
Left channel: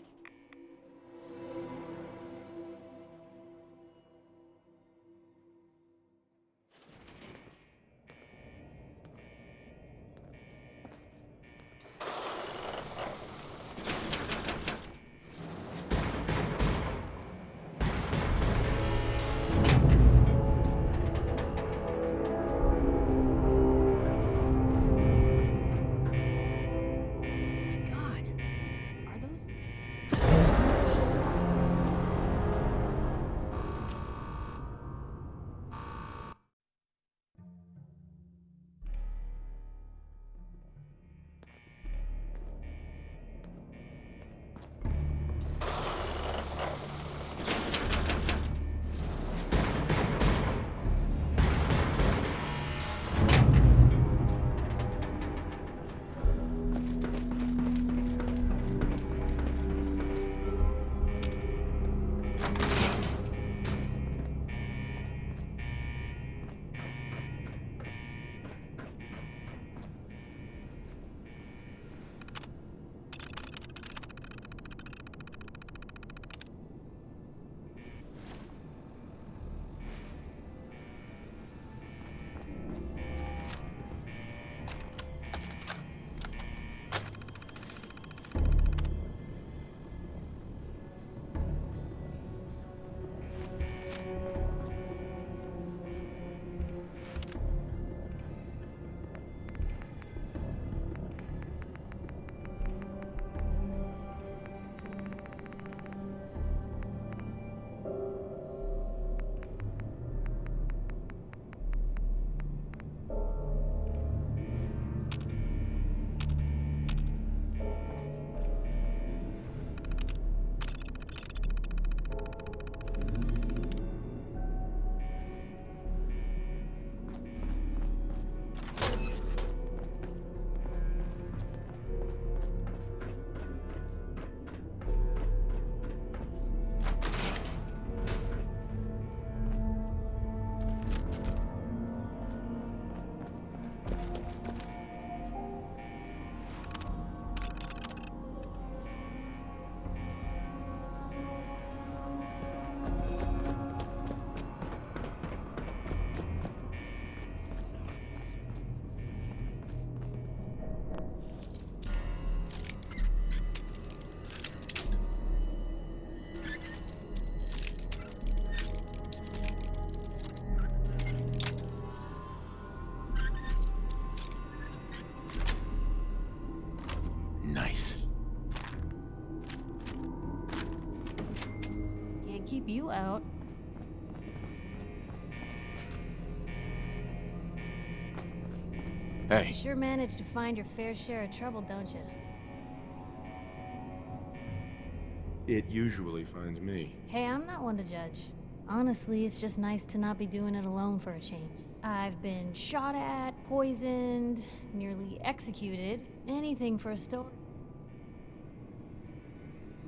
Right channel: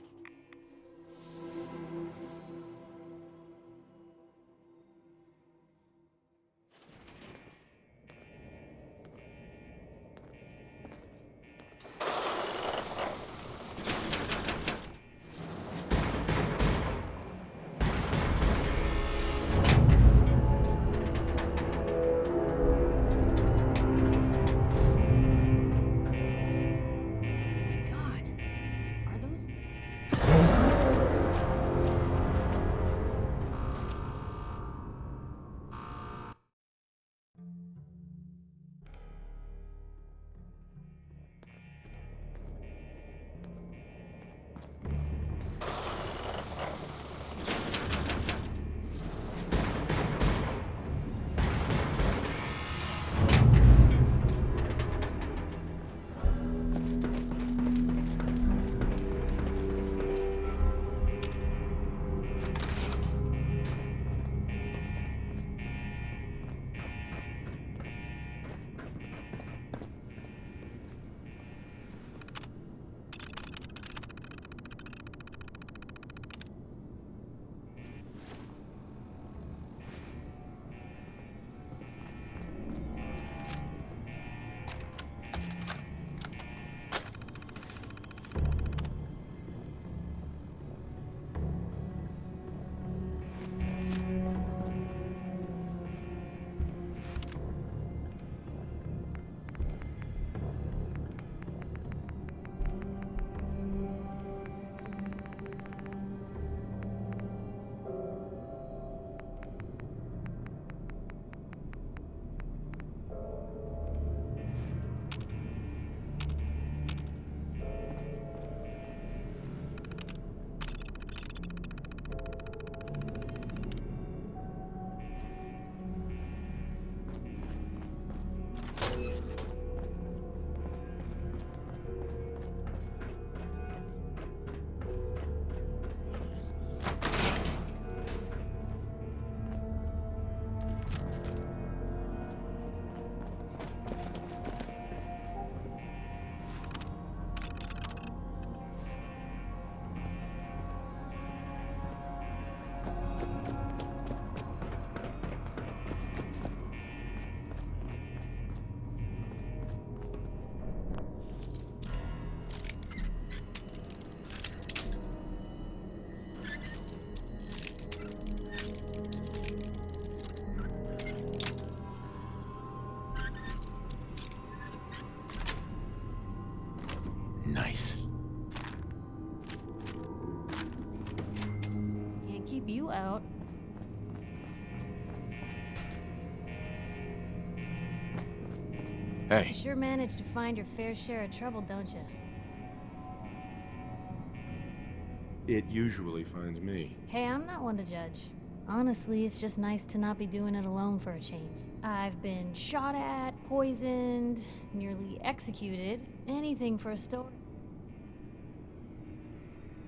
God? Are those Nice. can't keep you out? Hey, You sure manage to find your fair share of trouble, don't you? it usually finds me. Hey, I'm not one to judge. Honestly, it's just nice to not be doing it alone for a change. I've been shot at, poisoned, nearly executed. Anything for a story.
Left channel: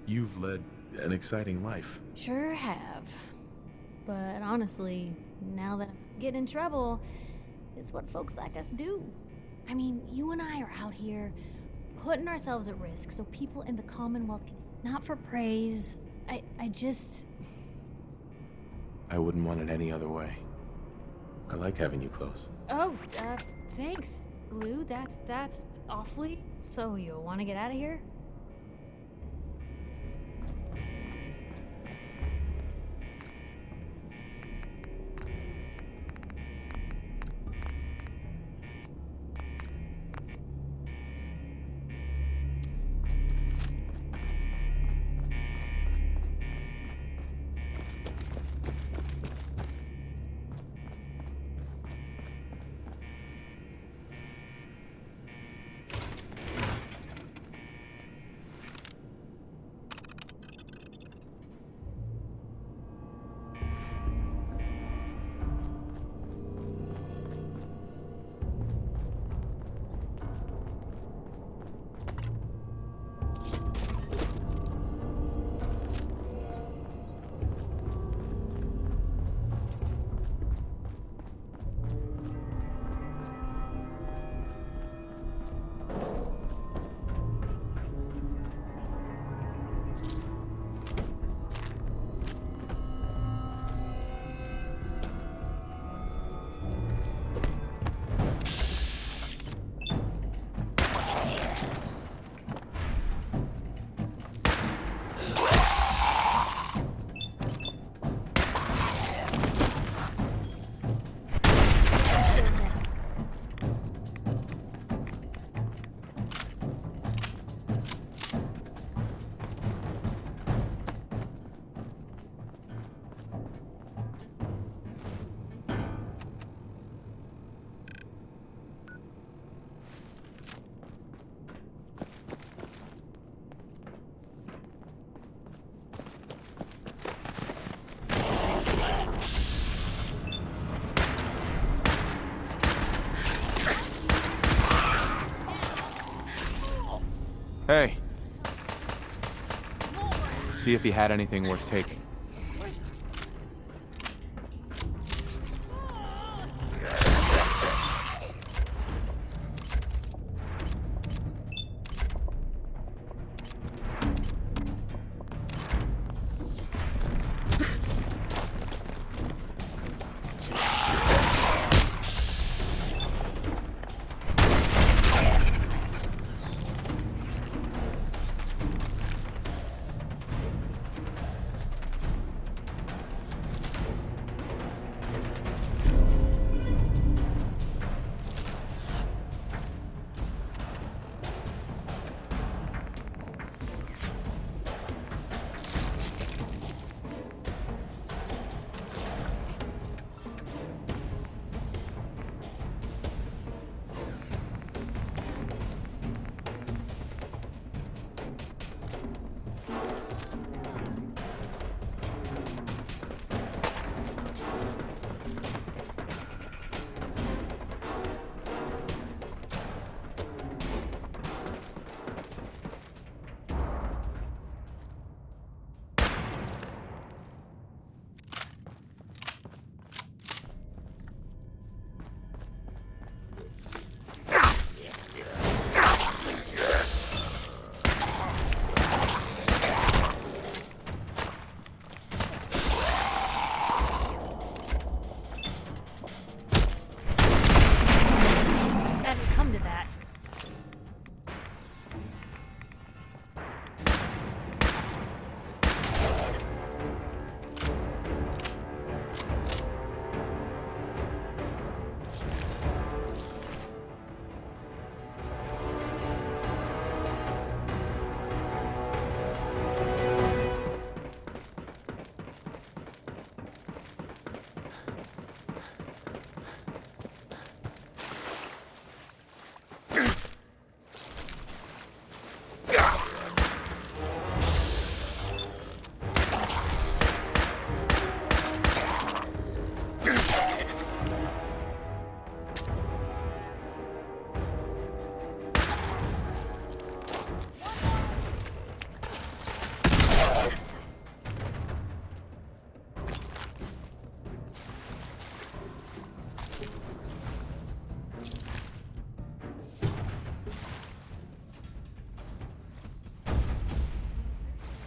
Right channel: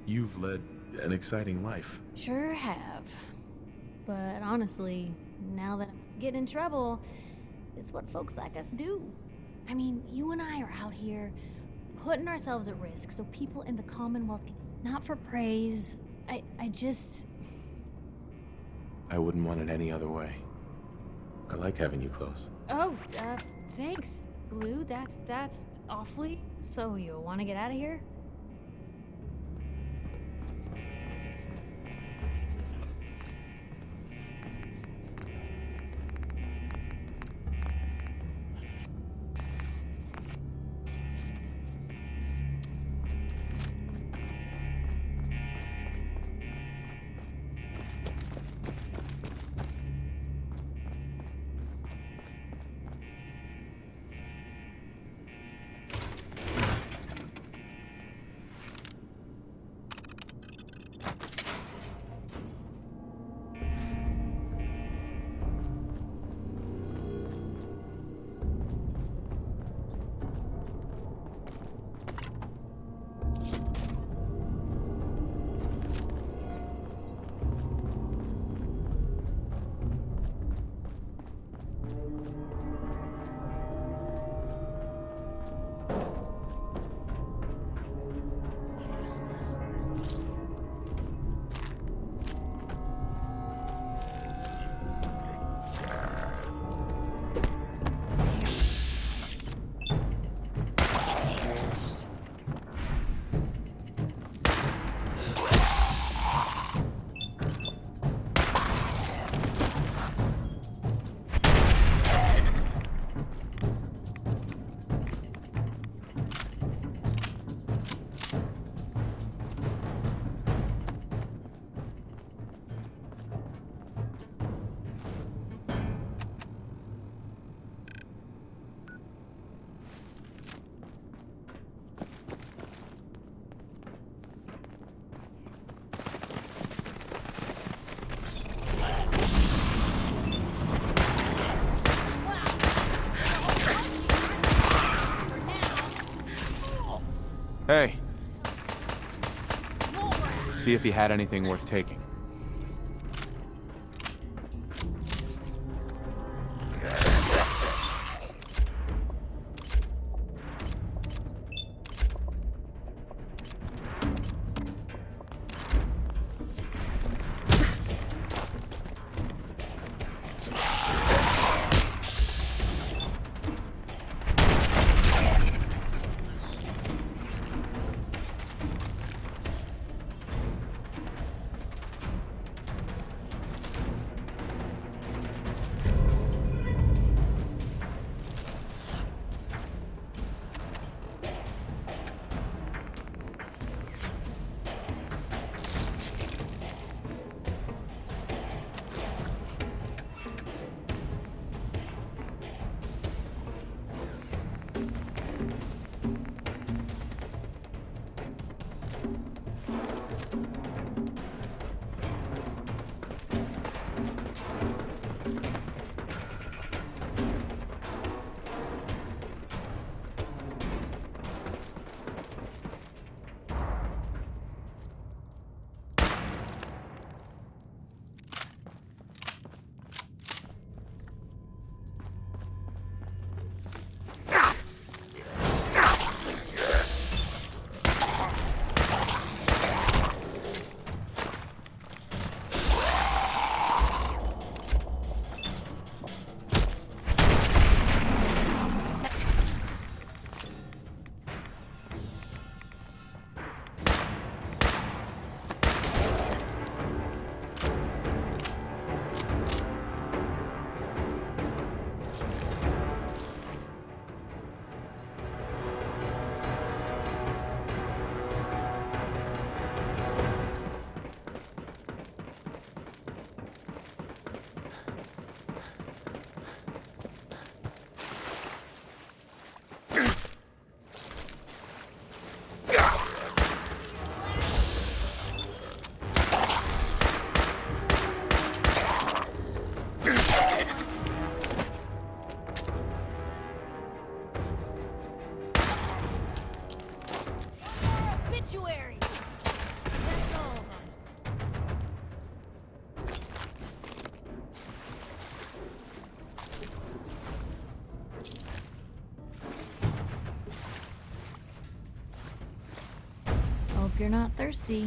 You've led an exciting life. Sure have. But honestly, now that I'm getting in trouble, it's what folks like us do. I mean, you and I are out here putting ourselves at risk so people in the Commonwealth can... Not for praise. I just... I wouldn't want it any other way. I like having you close. Oh, thanks, Blue. That's awfully... So you want to get out of here? Hey. See if he had anything worth taking. You're not thirsty.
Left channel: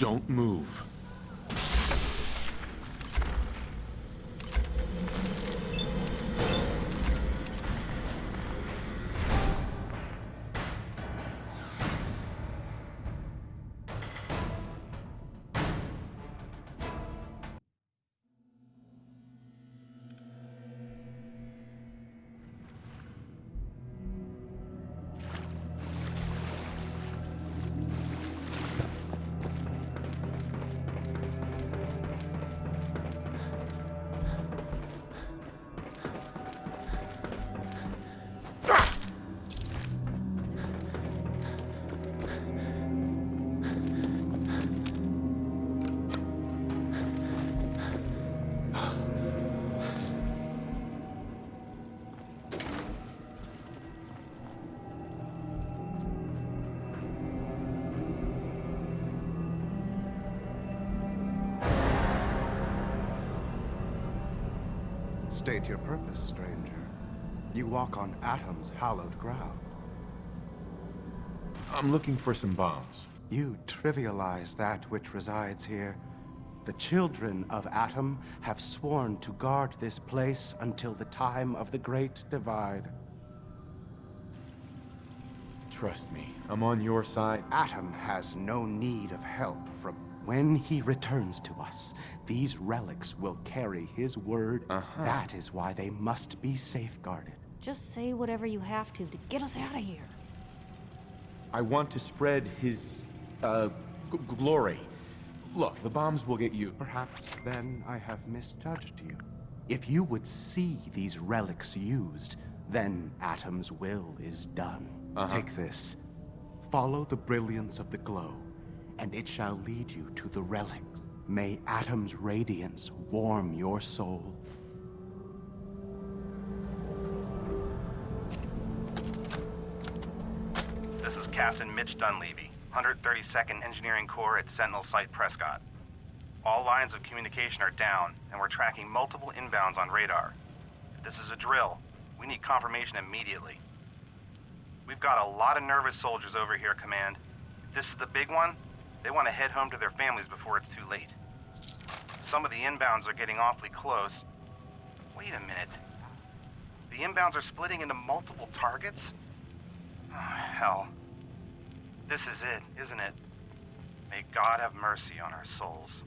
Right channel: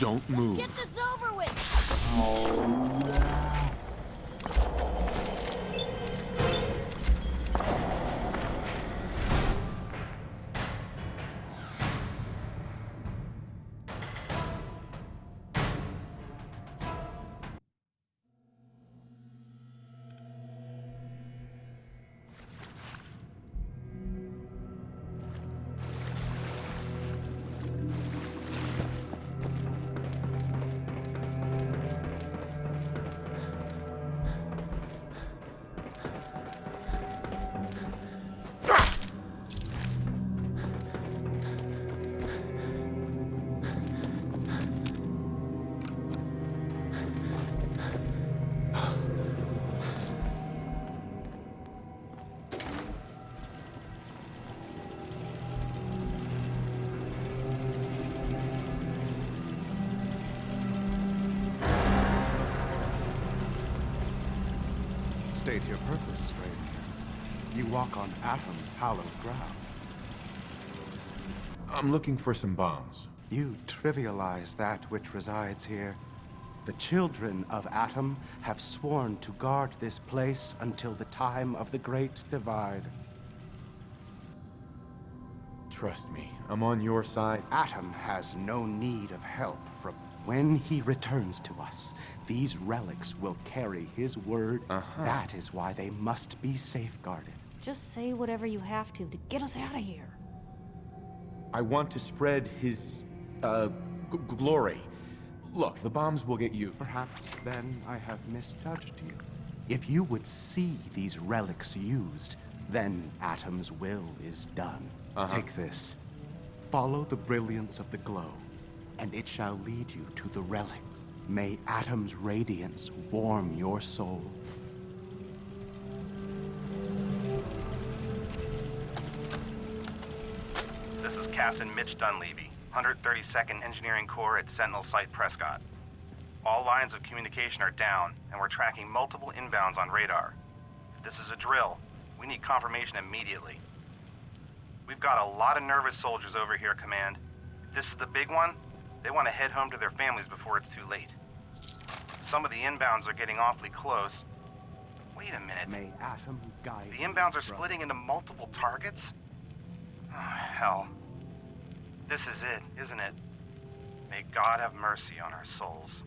Don't move. Get this over with. State your purpose, stranger. You walk on Atom's hallowed ground. I'm looking for some bombs. You trivialize that which resides here. The children of Atom have sworn to guard this place until the time of the Great Divide. Trust me, I'm on your side. Atom has no need of help from... When he returns to us, these relics will carry his word. That is why they must be safeguarded. Just say whatever you have to get us out of here. I want to spread his, glory. Look, the bombs will get you. Perhaps then I have misjudged you. If you would see these relics used, then Atom's will is done. Take this. Follow the brilliance of the glow, and it shall lead you to the relics. May Atom's radiance warm your soul. This is Captain Mitch Dunleavy, 132nd Engineering Corps at Sentinel Site Prescott. All lines of communication are down, and we're tracking multiple inbounds on radar. If this is a drill, we need confirmation immediately. We've got a lot of nervous soldiers over here, Command. If this is the big one, they want to head home to their families before it's too late. Some of the inbounds are getting awfully close. Wait a minute. May Atom guide The inbounds are splitting into multiple targets? Oh, hell. This is it, isn't it? May God have mercy on our souls.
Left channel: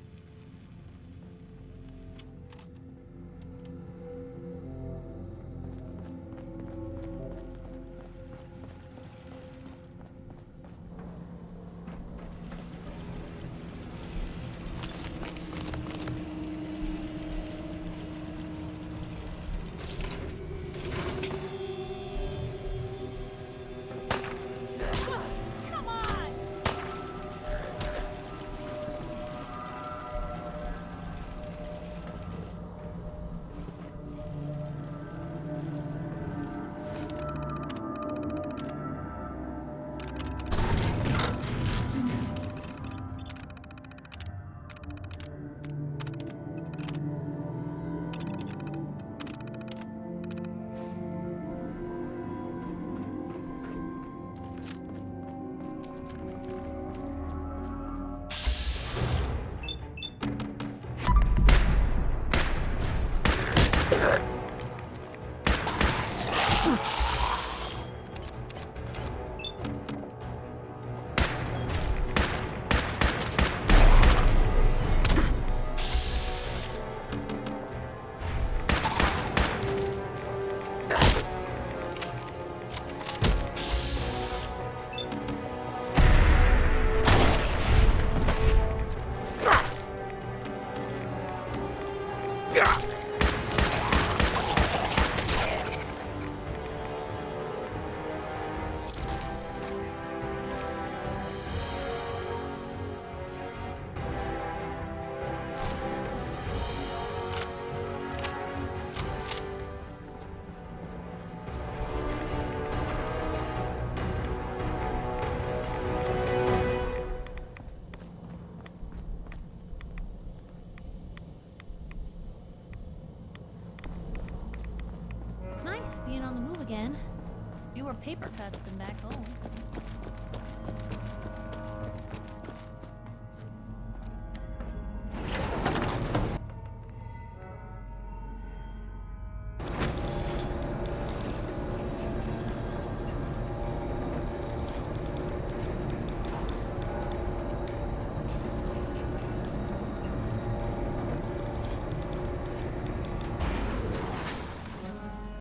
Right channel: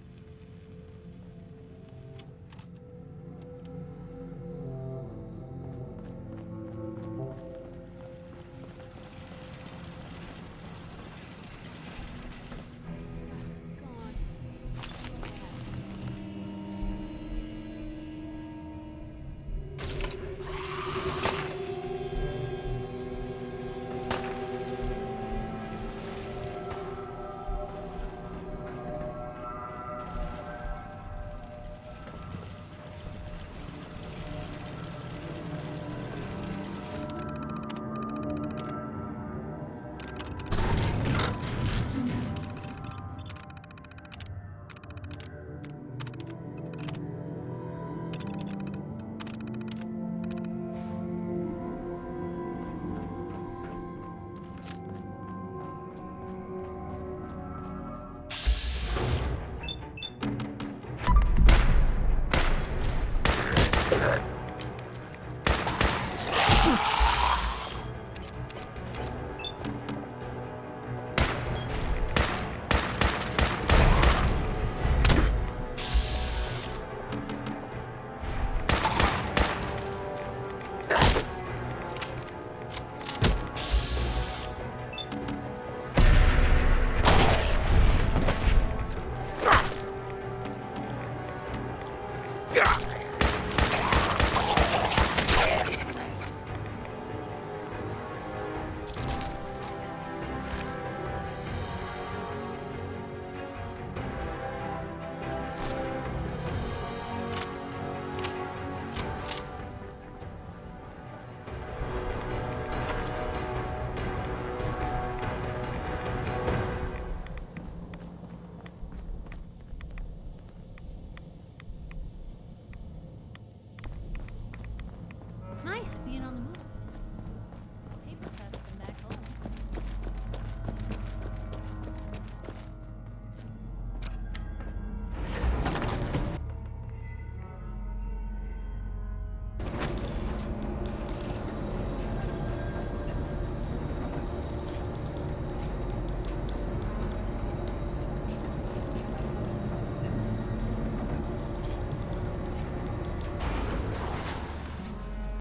Nice being on the move again. Fewer paper cuts than back home.